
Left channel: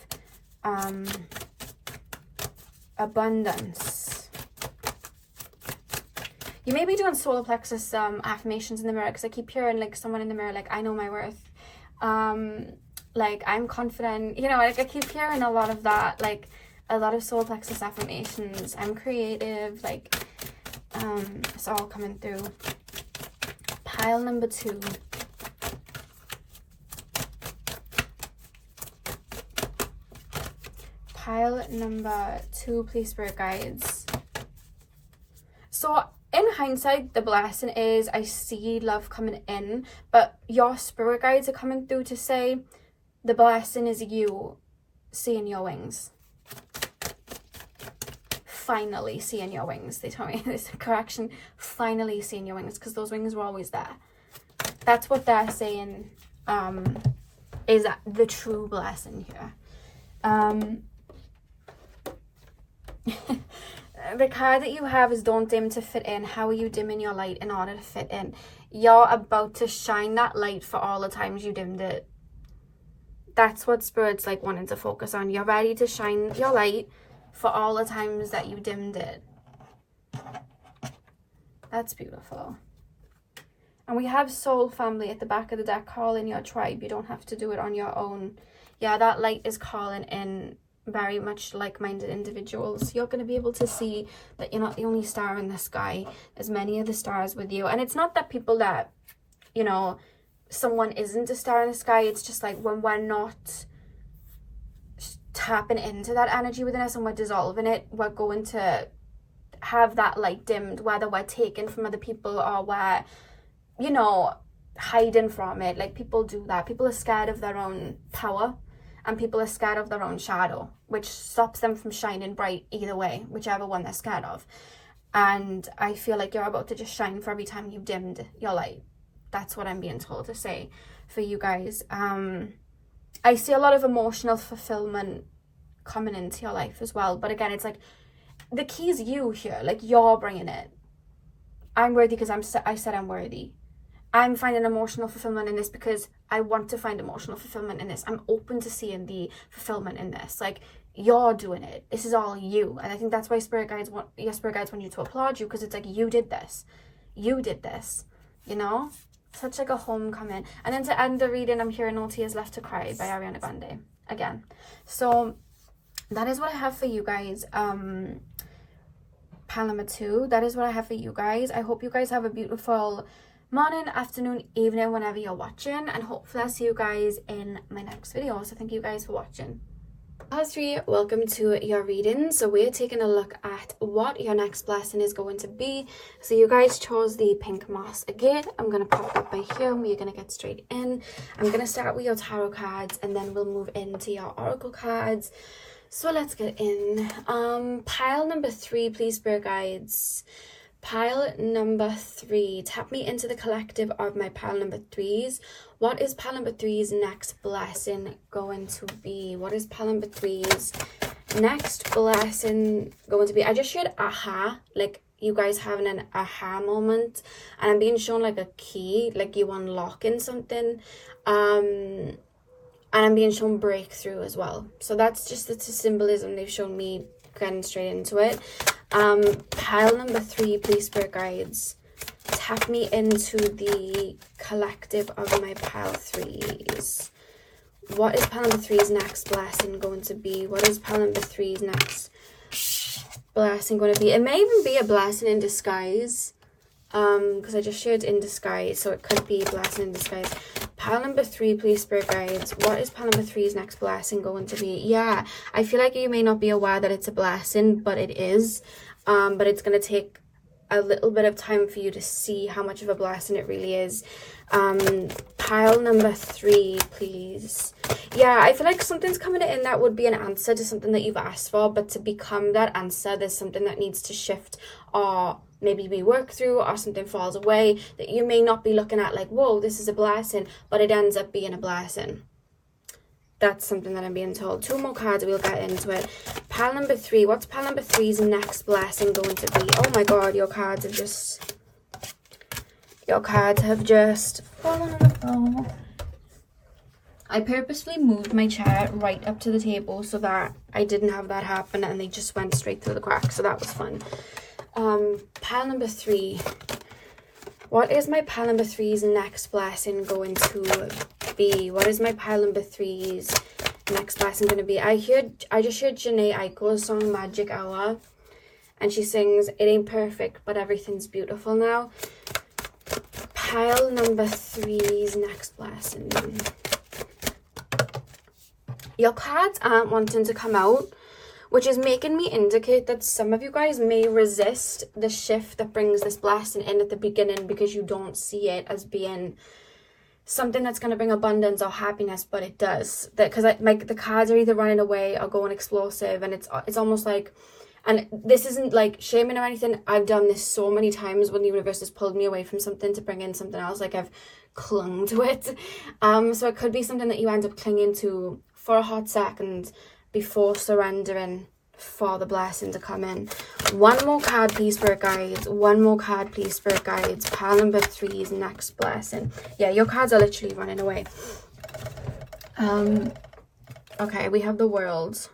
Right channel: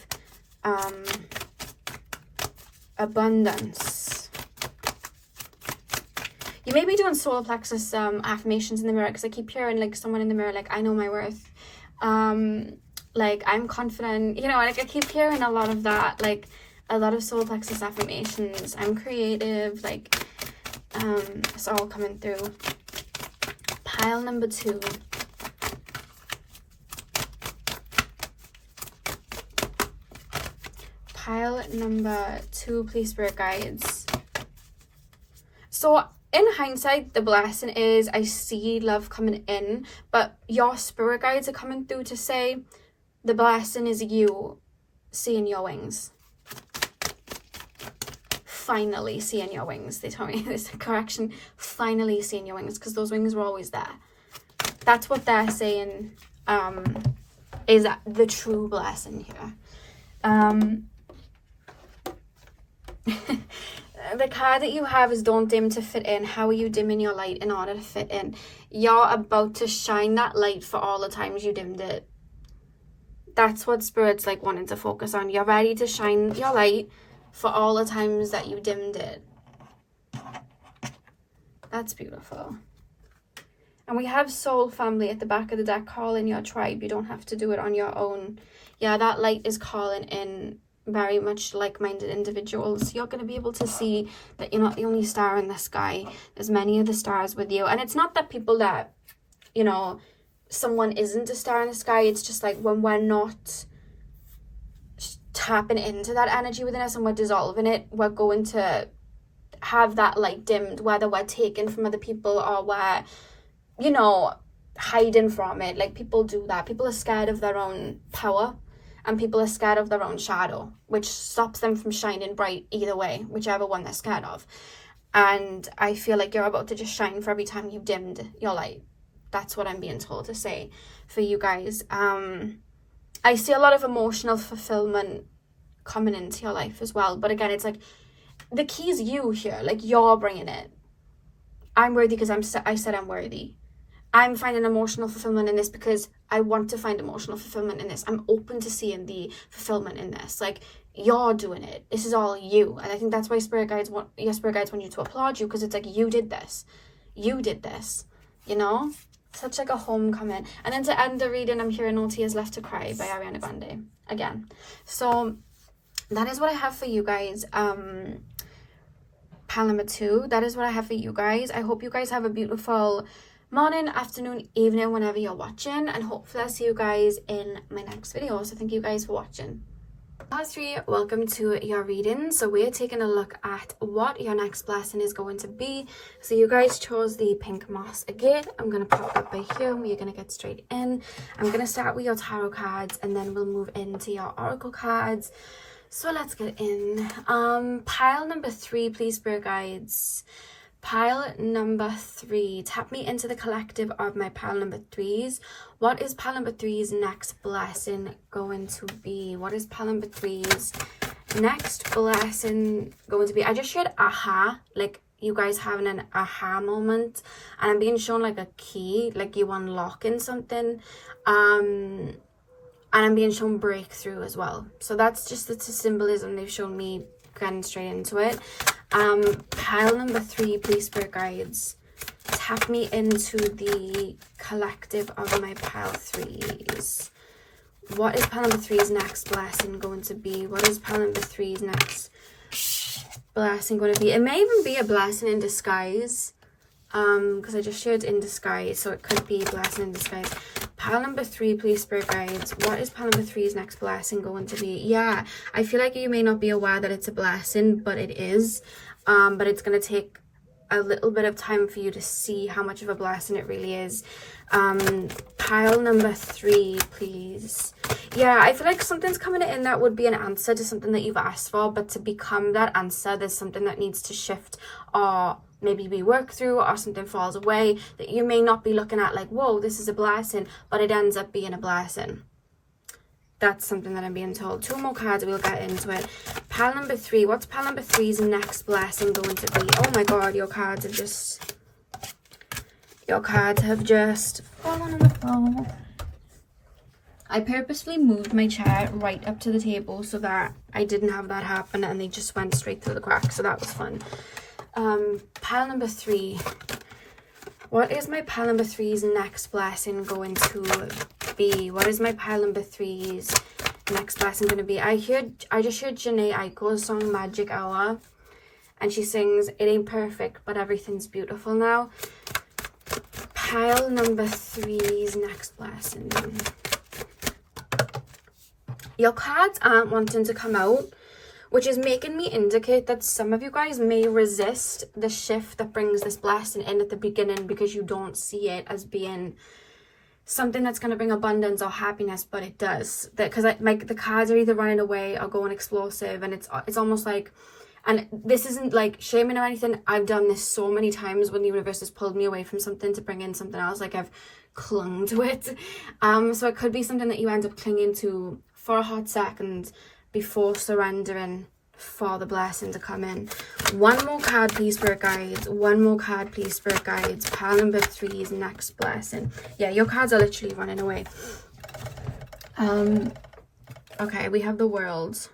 abundance. You may be doing solar plexus affirmations in the mirror, because I keep hearing like someone in the mirror like, I know my worth. like, I'm confident, you know, like I keep hearing a lot of that, like a lot of solar plexus affirmations. I'm creative, like it's all coming through. Pile number 2. Pile number 2, please, spirit guides. So in hindsight, the blessing is I see love coming in, but your spirit guides are coming through to say the blessing is you seeing your wings. Finally seeing your wings. They told me this correction. Finally seeing your wings, because those wings were always there. That's what they're saying is the true blessing here. The card that you have is don't dim to fit in. How are you dimming your light in order to fit in? You're about to shine that light for all the times you dimmed it. That's what Spirit's like wanting to focus on. You're ready to shine your light for all the times that you dimmed it. That's beautiful. And we have soul family at the back of the deck. Call in your tribe. You don't have to do it on your own. Yeah, that light is calling in very much like-minded individuals. You're going to be able to see that you're not the only star in the sky. There's many of the stars with you. And it's not that people that, you know, someone isn't a star in the sky. It's just like when we're not tapping into that energy within us and we're dissolving it, we're going to have that light dimmed, whether we're taken from other people or we're, you know, hiding from it. Like, people do that. People are scared of their own power, and people are scared of their own shadow, which stops them from shining bright either way, whichever one they're scared of. And I feel like you're about to just shine for every time you've dimmed your light. That's what I'm being told to say for you guys. I see a lot of emotional fulfillment coming into your life as well. But again, it's like the key is you here. Like, you're bringing it. I'm worthy because I said I'm worthy. I'm finding emotional fulfillment in this because I want to find emotional fulfillment in this. I'm open to seeing the fulfillment in this. Like, you're doing it. This is all you. And I think that's why your spirit guides want you to applaud you, because it's like, you did this. You did this. You know? Such like a homecoming. And then to end the reading, I'm hearing No Tears Left to Cry by Ariana Grande. Again. So that is what I have for you guys. Pile number 2. That is what I have for you guys. I hope you guys have a beautiful morning, afternoon, evening, whenever you're watching, and hopefully I'll see you guys in my next video. So thank you guys for watching. Pile 3, welcome to your reading. So we're taking a look at what your next blessing is going to be. So you guys chose the pink moss again. I'm going to pop up by here and we're going to get straight in. I'm going to start with your tarot cards and then we'll move into your oracle cards. So let's get in. Pile number 3, please, spirit guides. Pile number 3, tap me into the collective of my pile number 3s. What is pile number 3's next blessing going to be? What is pile number 3's next blessing going to be? I just shared aha, like you guys having an aha moment, and I'm being shown like a key, like you unlocking something, and I'm being shown breakthrough as well. So that's just the symbolism they've shown me, getting straight into it. Pile number 3, please, spirit guides, tap me into the collective of my pile 3s. What is pile number 3's next blessing going to be? What is pile number 3's next blessing going to be? It may even be a blessing in disguise, because I just shared in disguise, so it could be a blessing in disguise. Pile number 3, please, spirit guides. What is pile number 3's next blessing going to be? Yeah, I feel like you may not be aware that it's a blessing, but it is. But it's going to take a little bit of time for you to see how much of a blessing it really is. Pile number 3, please. Yeah, I feel like something's coming in that would be an answer to something that you've asked for, but to become that answer, there's something that needs to shift or maybe be worked through, or something falls away that you may not be looking at like, whoa, this is a blessing, but it ends up being a blessing. That's something that I'm being told. 2 more cards, we'll get into it. Pile number 3. What's pile number 3's next blessing going to be? Oh my god, your cards have just fallen on the floor. I purposefully moved my chair right up to the table so that I didn't have that happen, and they just went straight through the crack, so that was fun. Pile number 3. What is my pile number 3's next blessing going to be? What is my pile number 3's next lesson going to be? I just heard Janae Aiko's song Magic Hour, and she sings, it ain't perfect, but everything's beautiful now. Pile number 3's next lesson. Your cards aren't wanting to come out, which is making me indicate that some of you guys may resist the shift that brings this blessing in at the beginning because you don't see it as being something that's going to bring abundance or happiness, but it does. Because like the cards are either running away or going explosive, and it's almost like, and this isn't like shaming or anything, I've done this so many times when the universe has pulled me away from something to bring in something else, like I've clung to it. So it could be something that you end up clinging to for a hot second before surrendering for the blessing to come in. One more card, please, Spirit Guides. One more card, please, Spirit Guides. Pile number 3's next blessing. Yeah, your cards are literally running away. Okay, we have the World.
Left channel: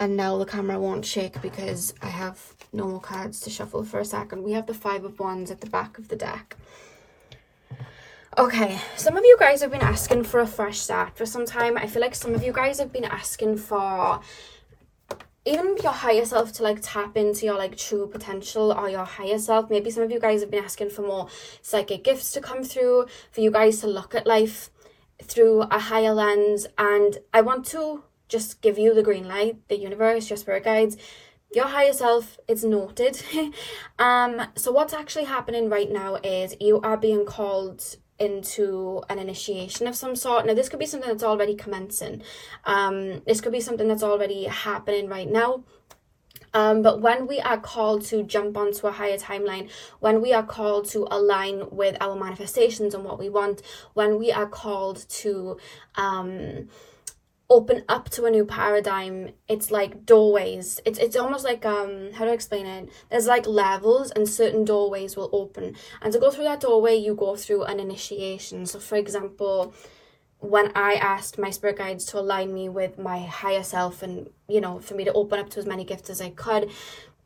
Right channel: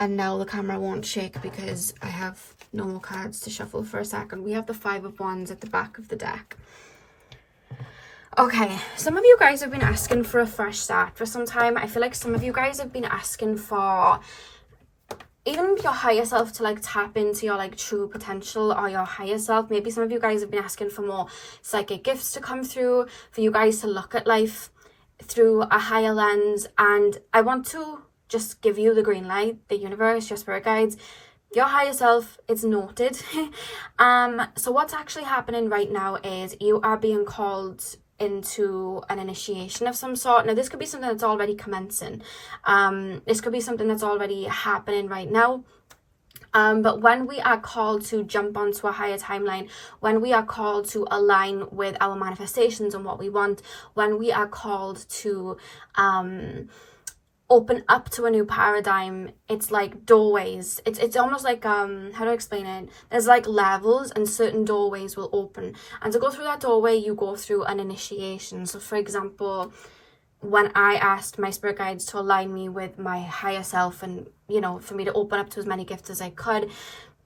And now the camera won't shake because I have no more cards to shuffle for a second. We have the 5 of Wands at the back of the deck. Okay, some of you guys have been asking for a fresh start for some time. I feel like some of you guys have been asking for even your higher self to like tap into your like true potential, or your higher self. Maybe some of you guys have been asking for more psychic gifts to come through, for you guys to look at life through a higher lens. And I want to just give you the green light, the universe, your spirit guides, your higher self, it's noted. So what's actually happening right now is you are being called into an initiation of some sort. Now this could be something that's already commencing. This could be something that's already happening right now. But when we are called to jump onto a higher timeline, when we are called to align with our manifestations and what we want, when we are called to open up to a new paradigm, it's like doorways. It's almost like how do I explain it? There's like levels, and certain doorways will open, and to go through that doorway you go through an initiation. So for example, when I asked my spirit guides to align me with my higher self, and you know, for me to open up to as many gifts as I could,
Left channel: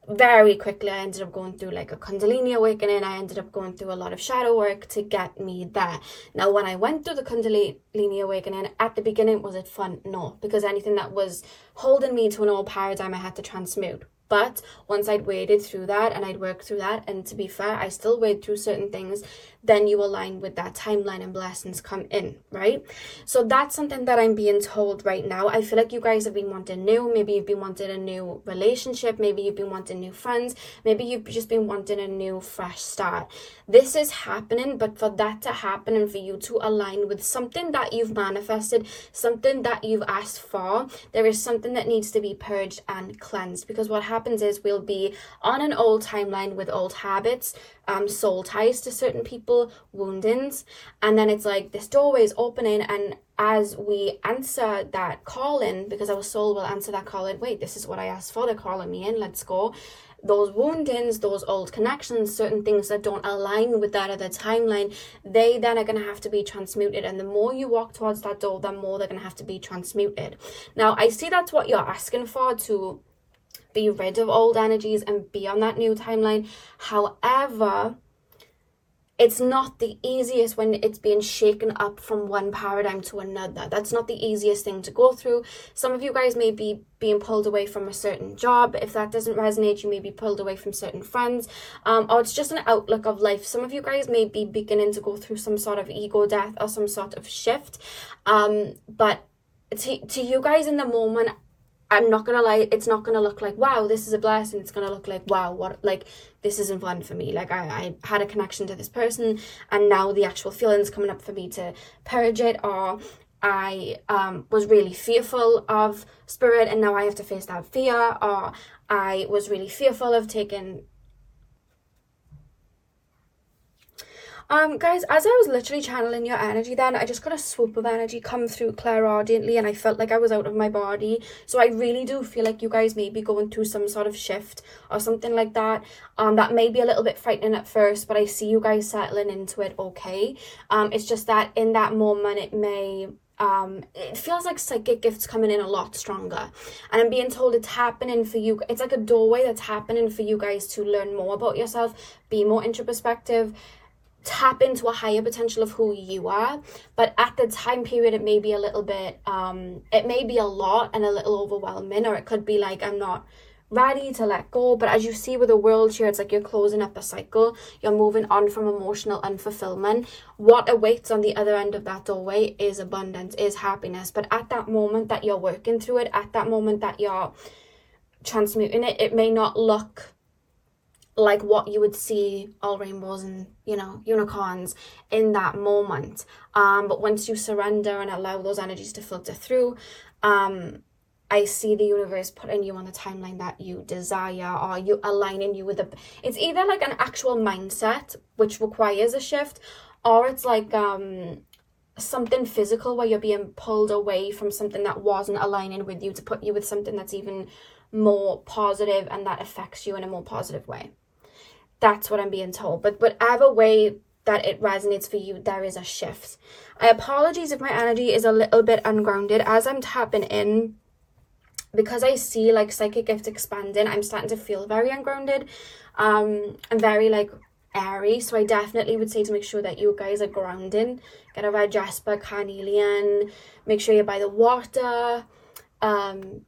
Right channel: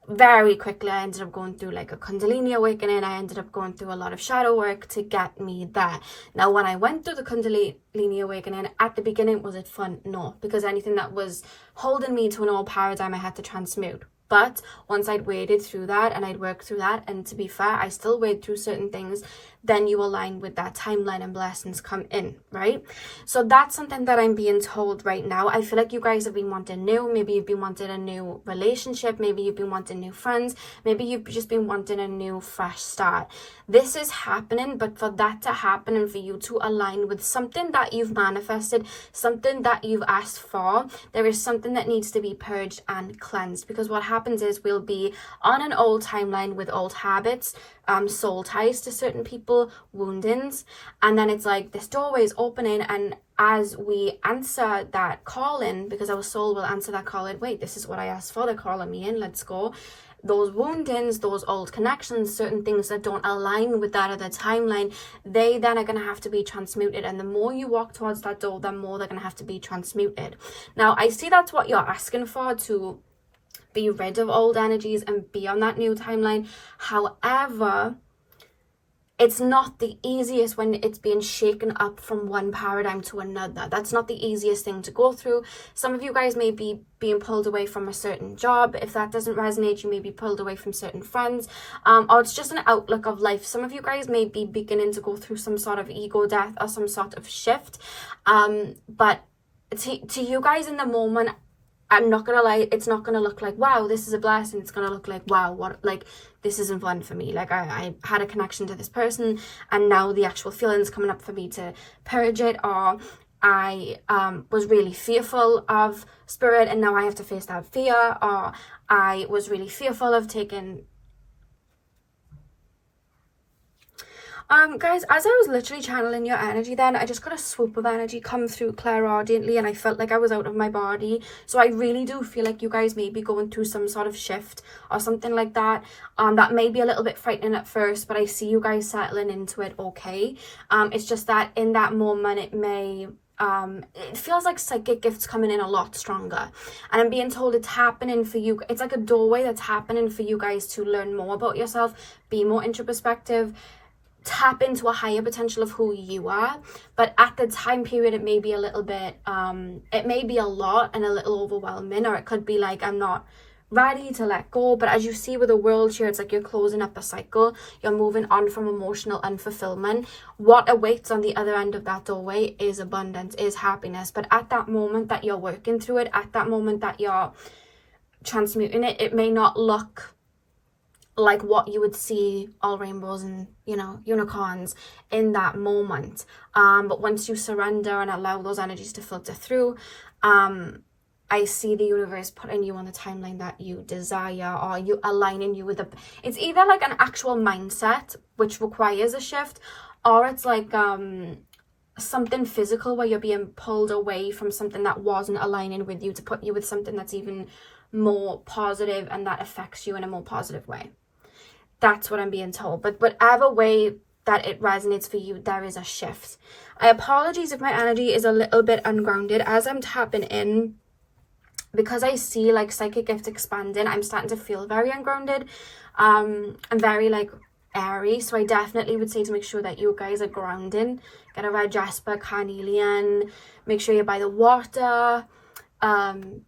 very quickly I ended up going through like a Kundalini awakening. I ended up going through a lot of shadow work to get me there. Now when I went through the Kundalini awakening, at the beginning, was it fun? No, because anything that was holding me to an old paradigm I had to transmute. But once I'd waded through that and I'd worked through that, and to be fair, I still wade through certain things, then you align with that timeline and blessings come in, right? So that's something that I'm being told right now. I feel like you guys have been wanting new. Maybe you've been wanting a new relationship. Maybe you've been wanting new friends. Maybe you've just been wanting a new fresh start. This is happening, but for that to happen and for you to align with something that you've manifested, something that you've asked for, there is something that needs to be purged and cleansed. Because what happens is we'll be on an old timeline with old habits, soul ties to certain people, woundings, and then it's like this doorway is opening, and as we answer that calling, because our soul will answer that calling, wait, this is what I asked for, they're calling me in, let's go. Those woundings, those old connections, certain things that don't align with that other timeline, they then are going to have to be transmuted. And the more you walk towards that door, the more they're going to have to be transmuted. Now, I see that's what you're asking for, to be rid of old energies and be on that new timeline. However, it's not the easiest when it's being shaken up from one paradigm to another. That's not the easiest thing to go through. Some of you guys may be being pulled away from a certain job. If that doesn't resonate, you may be pulled away from certain friends, or it's just an outlook of life. Some of you guys may be beginning to go through some sort of ego death or some sort of shift. But to you guys in the moment, I'm not gonna lie, it's not gonna look like, wow, this is a blessing. It's gonna look like, wow, what, like, this isn't fun for me. Like, I had a connection to this person, and now the actual feelings coming up for me to purge it, or I was really fearful of spirit, and now I have to face that fear, or I was really fearful of taking... guys, as I was literally channeling your energy then, I just got a swoop of energy come through clairaudiently, and I felt like I was out of my body. So I really do feel like you guys may be going through some sort of shift or something like that. That may be a little bit frightening at first, but I see you guys settling into it okay. It's just that in that moment it may... it feels like psychic gifts coming in a lot stronger, and I'm being told it's happening for you. It's like a doorway that's happening for you guys to learn more about yourself, be more introspective, tap into a higher potential of who you are. But at the time period, it may be a little bit, it may be a lot and a little overwhelming, or it could be like, I'm not ready to let go. But as you see with the world here, it's like you're closing up a cycle, you're moving on from emotional unfulfillment. What awaits on the other end of that doorway is abundance, is happiness. But at that moment that you're working through it, at that moment that you're transmuting it, it may not look like what you would see, all rainbows and, you know, unicorns in that moment. But once you surrender and allow those energies to filter through, I see the universe putting you on the timeline that you desire, or you aligning you with it's either like an actual mindset, which requires a shift, or it's like something physical where you're being pulled away from something that wasn't aligning with you to put you with something that's even more positive and that affects you in a more positive way. That's what I'm being told. But whatever way that it resonates for you, there is a shift. I apologize if my energy is a little bit ungrounded as I'm tapping in, because I see like psychic gift expanding. I'm starting to feel very ungrounded and very like airy. So I definitely would say to make sure that you guys are grounding. Get a red jasper, carnelian. Make sure you're by the water,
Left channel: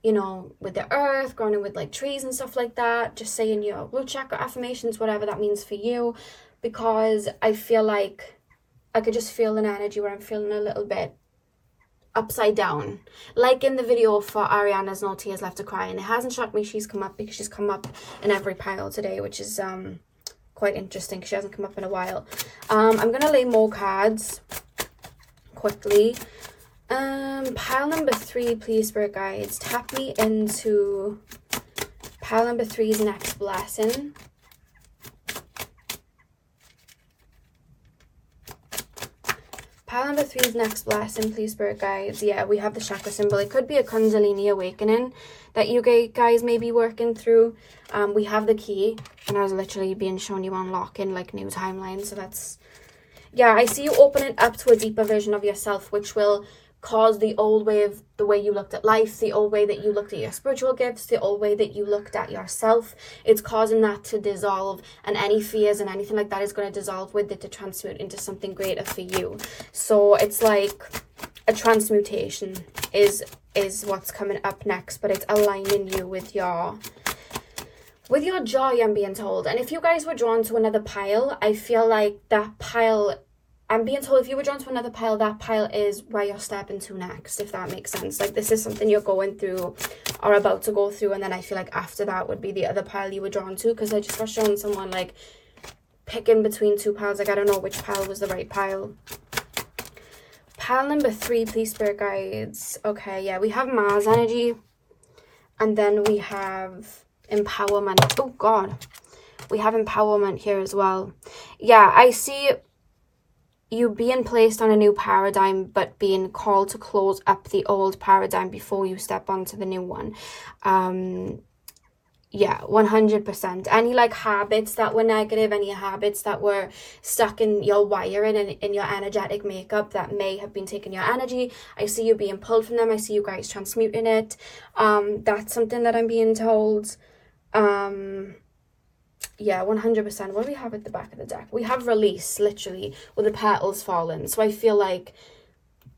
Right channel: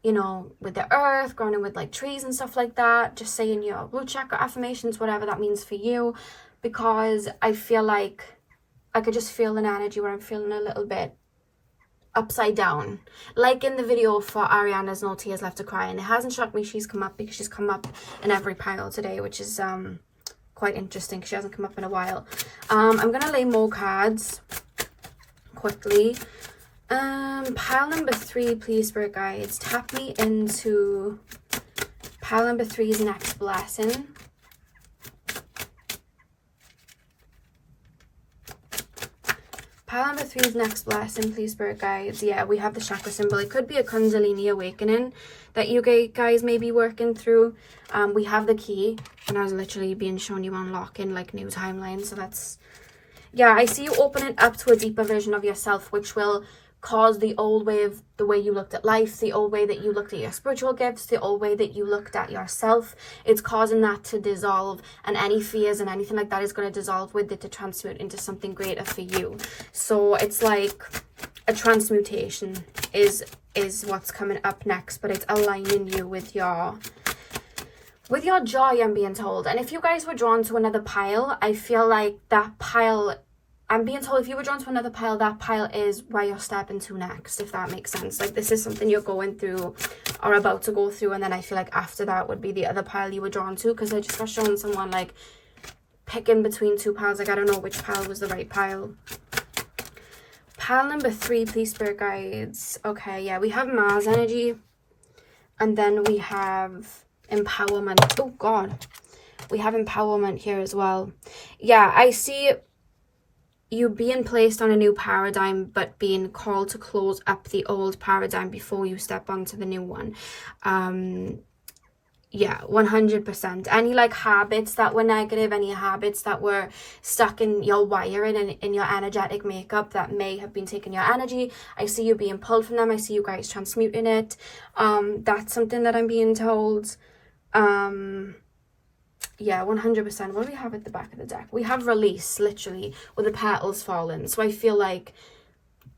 you know, with the earth, grounding with like trees and stuff like that. Just saying your root chakra affirmations, whatever that means for you. Because I feel like I could just feel an energy where I'm feeling a little bit upside down, like in the video for Ariana's No Tears Left to Cry. And it hasn't shocked me she's come up, because she's come up in every pile today, which is quite interesting because she hasn't come up in a while. I'm gonna lay more cards quickly. Pile number 3, please, spirit guides, tap me into pile number 3's next blessing. Pile number 3's next blessing, please, spirit guides. Yeah, we have the chakra symbol. It could be a Kundalini awakening that you guys may be working through. We have the key, and I was literally being shown you unlocking like new timelines. So that's, yeah, I see you opening up to a deeper version of yourself, which will cause the old way of the way you looked at life, the old way that you looked at your spiritual gifts, the old way that you looked at yourself. It's causing that to dissolve, and any fears and anything like that is going to dissolve with it to transmute into something greater for you. So it's like a transmutation is what's coming up next, but it's aligning you with your joy, I'm being told. And if you guys were drawn to another pile, I feel like that pile, I'm being told if you were drawn to another pile, that pile is where you're stepping to next, if that makes sense. Like this is something you're going through or about to go through, and then I feel like after that would be the other pile you were drawn to, because I just got shown someone like picking between two piles. Like I don't know which pile was the right pile. Pile number 3, please, spirit guides. Okay, yeah, we have Mars energy, and then we have empowerment. Oh God, we have empowerment here as well. Yeah, I see you being placed on a new paradigm, but being called to close up the old paradigm before you step onto the new one. Yeah, 100%. Any like habits that were negative, any habits that were stuck in your wiring and in your energetic makeup that may have been taking your energy, I see you being pulled from them. I see you guys transmuting it. That's something that I'm being told. Yeah, 100%. What do we have at the back of the deck? We have release, literally, with the petals falling. So I feel like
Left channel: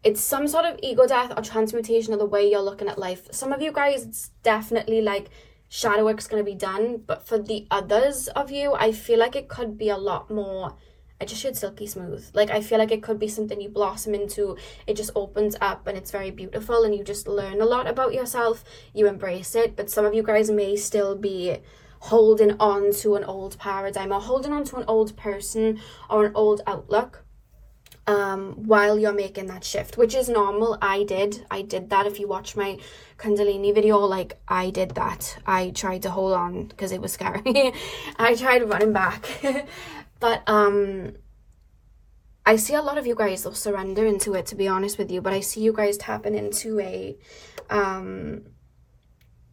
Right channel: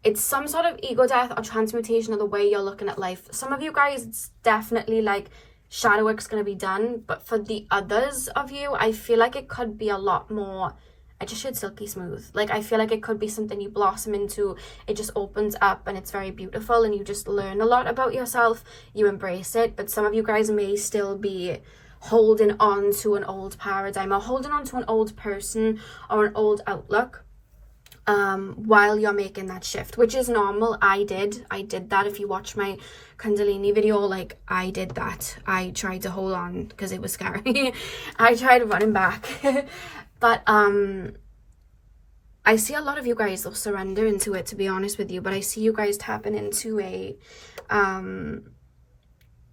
it's some sort of ego death or transmutation of the way you're looking at life. Some of you guys, it's definitely like shadow work's going to be done. But for the others of you, I feel like it could be a lot more, I just should silky smooth. Like I feel like it could be something you blossom into. It just opens up and it's very beautiful, and you just learn a lot about yourself. You embrace it. But some of you guys may still be holding on to an old paradigm, or holding on to an old person or an old outlook while you're making that shift, which is normal. I did that. If you watch my Kundalini video, like I did that. I tried to hold on because it was scary. I tried running back. But I see a lot of you guys will surrender into it, to be honest with you. But I see you guys tapping into a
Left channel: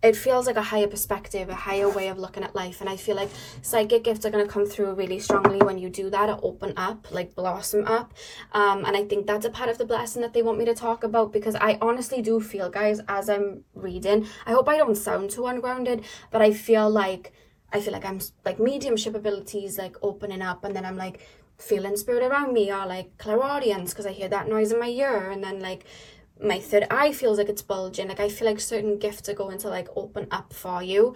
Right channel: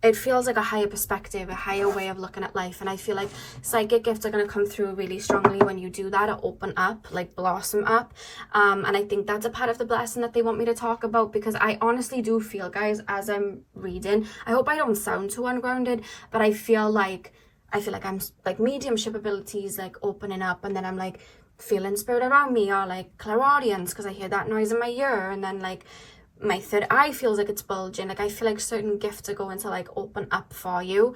it feels like a higher perspective, a higher way of looking at life. And I feel like psychic gifts are going to come through really strongly when you do that, or open up, like blossom up. And I think that's a part of the blessing that they want me to talk about, because I honestly do feel, guys, as I'm reading, I hope I don't sound too ungrounded, but I feel like I'm like mediumship abilities like opening up, and then I'm like feeling spirit around me, or like clairaudience because I hear that noise in my ear, and then like my third eye feels like it's bulging. Like I feel like certain gifts are going to like open up for you,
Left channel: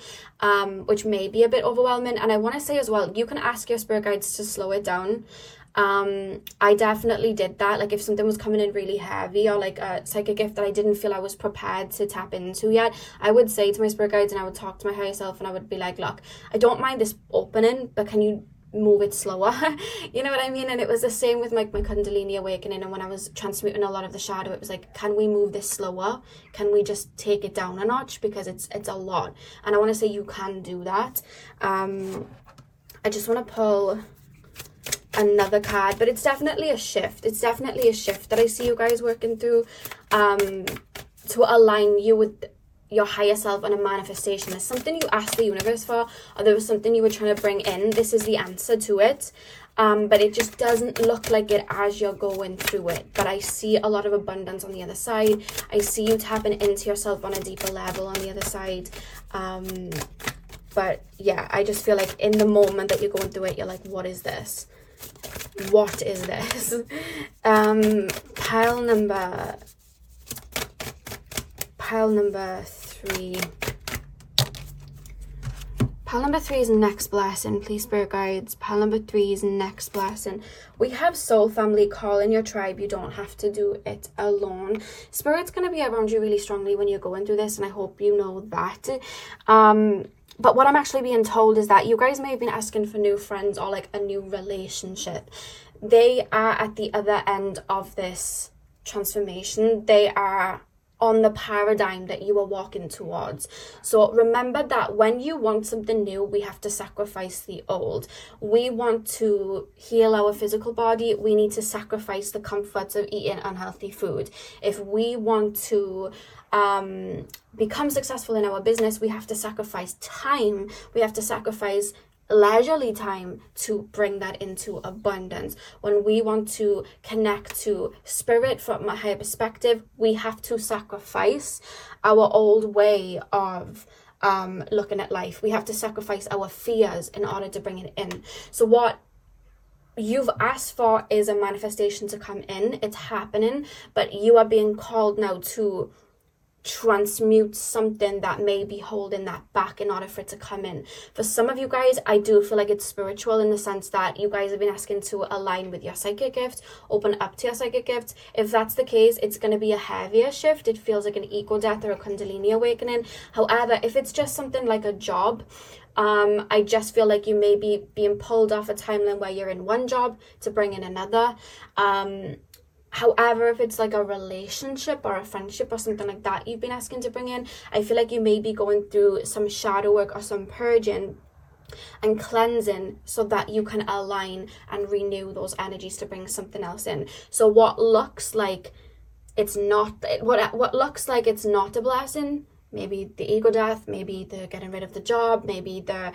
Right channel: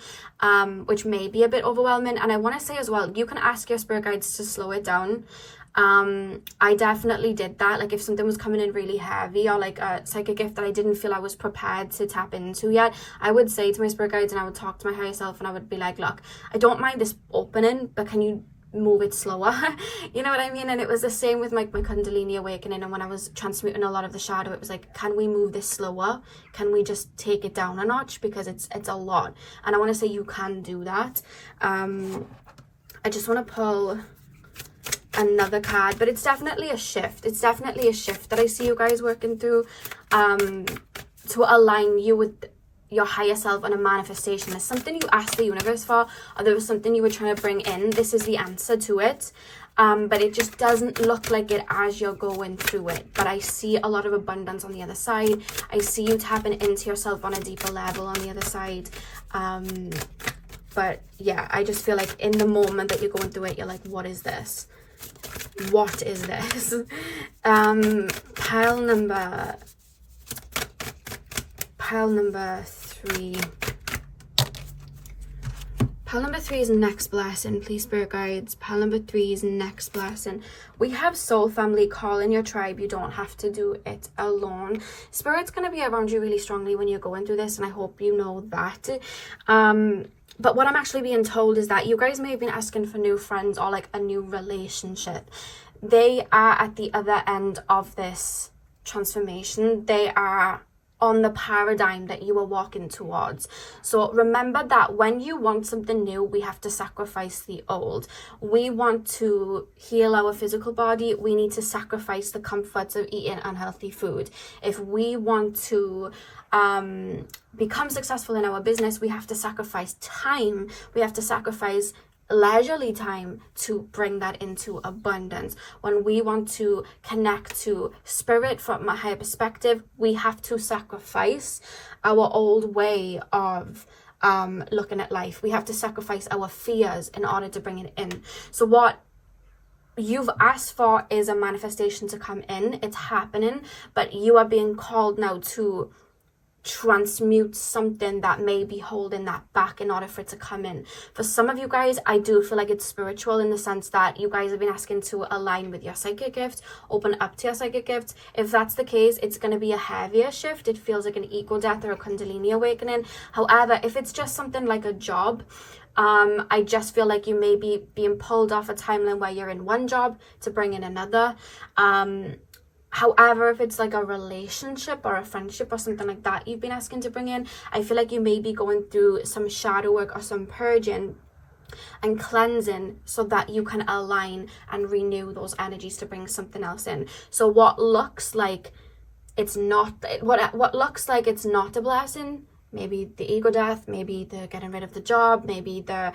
which may be a bit overwhelming. And I want to say as well, you can ask your spirit guides to slow it down. I definitely did that. Like if something was coming in really heavy, or like a psychic gift that I didn't feel I was prepared to tap into yet, I would say to my spirit guides, and I would talk to my higher self, and I would be like, look, I don't mind this opening, but can you move it slower? You know what I mean? And it was the same with my Kundalini awakening, and when I was transmuting a lot of the shadow, it was like, can we move this slower? Can we just take it down a notch? Because it's a lot, and I want to say you can do that. I just want to pull another card, but it's definitely a shift. It's definitely a shift that I see you guys working through, to align you with your higher self and a manifestation. There's something you asked the universe for, or there was something you were trying to bring in. This is the answer to it, but it just doesn't look like it as you're going through it. But I see a lot of abundance on the other side. I see you tapping into yourself on a deeper level on the other side. But yeah, I just feel like in the moment that you're going through it, you're like, what is this? What is this? Pile number 3. Pile number 3 is next blessing. Please, spirit guides. Pile number 3 is next blessing. We have soul family. Call in your tribe. You don't have to do it alone. Spirit's going to be around you really strongly when you're going through this, and I hope you know that. But what I'm actually being told is that you guys may have been asking for new friends or like a new relationship. They are at the other end of this transformation. They are on the paradigm that you are walking towards. So remember that when you want something new, we have to sacrifice the old. We want to heal our physical body, we need to sacrifice the comforts of eating unhealthy food. If we want to become successful in our business, we have to sacrifice time, we have to sacrifice leisurely time to bring that into abundance. When we want to connect to spirit from a higher perspective, we have to sacrifice our old way of looking at life. We have to sacrifice our fears in order to bring it in. So what you've asked for is a manifestation to come in. It's happening, but you are being called now to transmute something that may be holding that back in order for it to come in. For some of you guys, I do feel like it's spiritual in the sense that you guys have been asking to align with your psychic gift, open up to your psychic gift. If that's the case, it's going to be a heavier shift. It feels like an ego death or a Kundalini awakening. However, if it's just something like a job, I just feel like you may be being pulled off a timeline where you're in one job to bring in another. However, if it's like a relationship or a friendship or something like that you've been asking to bring in, I feel like you may be going through some shadow work or some purging and cleansing so that you can align and renew those energies to bring something else in. So what looks like it's not, what looks like it's not a blessing, maybe the ego death, maybe the getting rid of the job, maybe the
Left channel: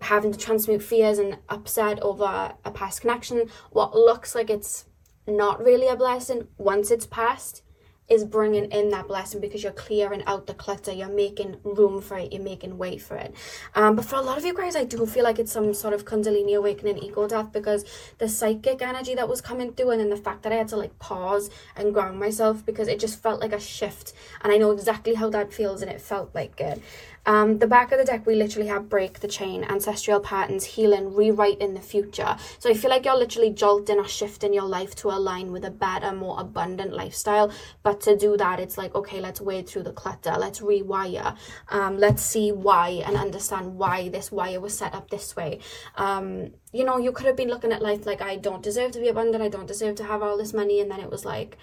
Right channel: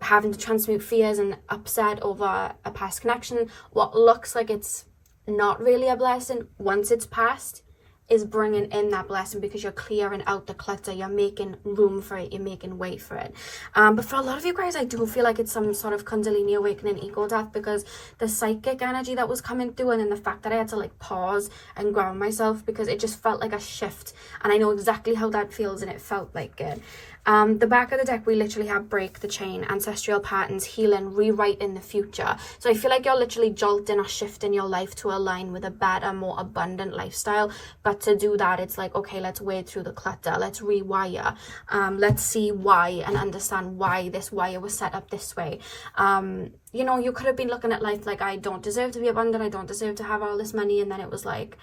having to transmute fears and upset over a past connection, what looks like it's not really a blessing, once it's passed, is bringing in that blessing because you're clearing out the clutter, you're making room for it, you're making way for it. But for a lot of you guys, I do feel like it's some sort of Kundalini awakening, ego death, because the psychic energy that was coming through, and then the fact that I had to like pause and ground myself because it just felt like a shift, and I know exactly how that feels, and it felt like good. The back of the deck, we literally have break the chain, ancestral patterns, healing, rewrite in the future. So I feel like you're literally jolting or shifting your life to align with a better, more abundant lifestyle. But to do that, it's like, okay, let's wade through the clutter, let's rewire, let's see why and understand why this wire was set up this way. You know, you could have been looking at life like, I don't deserve to be abundant, I don't deserve to have all this money, and then it was like,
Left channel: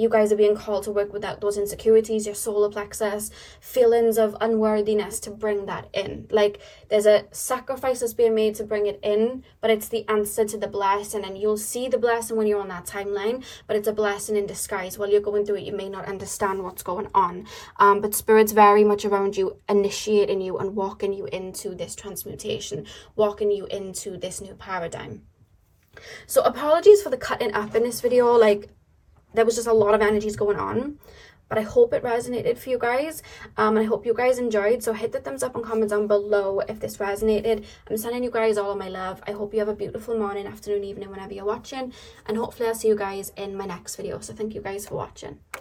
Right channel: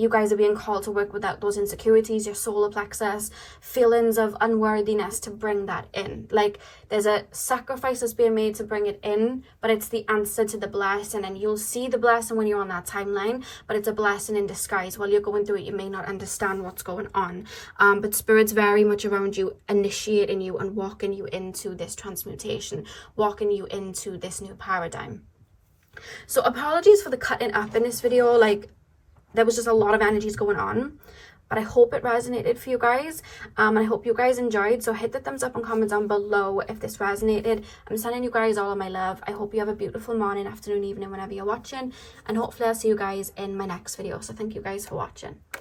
you guys are being called to work without those insecurities, your solar plexus, feelings of unworthiness, to bring that in. Like, there's a sacrifice that's being made to bring it in, but it's the answer to the blessing, and you'll see the blessing when you're on that timeline, but it's a blessing in disguise. While you're going through it, you may not understand what's going on, but Spirit's very much around you, initiating you and walking you into this transmutation, walking you into this new paradigm. So apologies for the cutting up in this video, like, there was just a lot of energies going on. but I hope it resonated for you guys, and I hope you guys enjoyed. So hit the thumbs up and comment down below if this resonated. I'm sending you guys all of my love. I hope you have a beautiful morning, afternoon, evening, whenever you're watching, and hopefully I'll see you guys in my next video. So thank you guys for watching.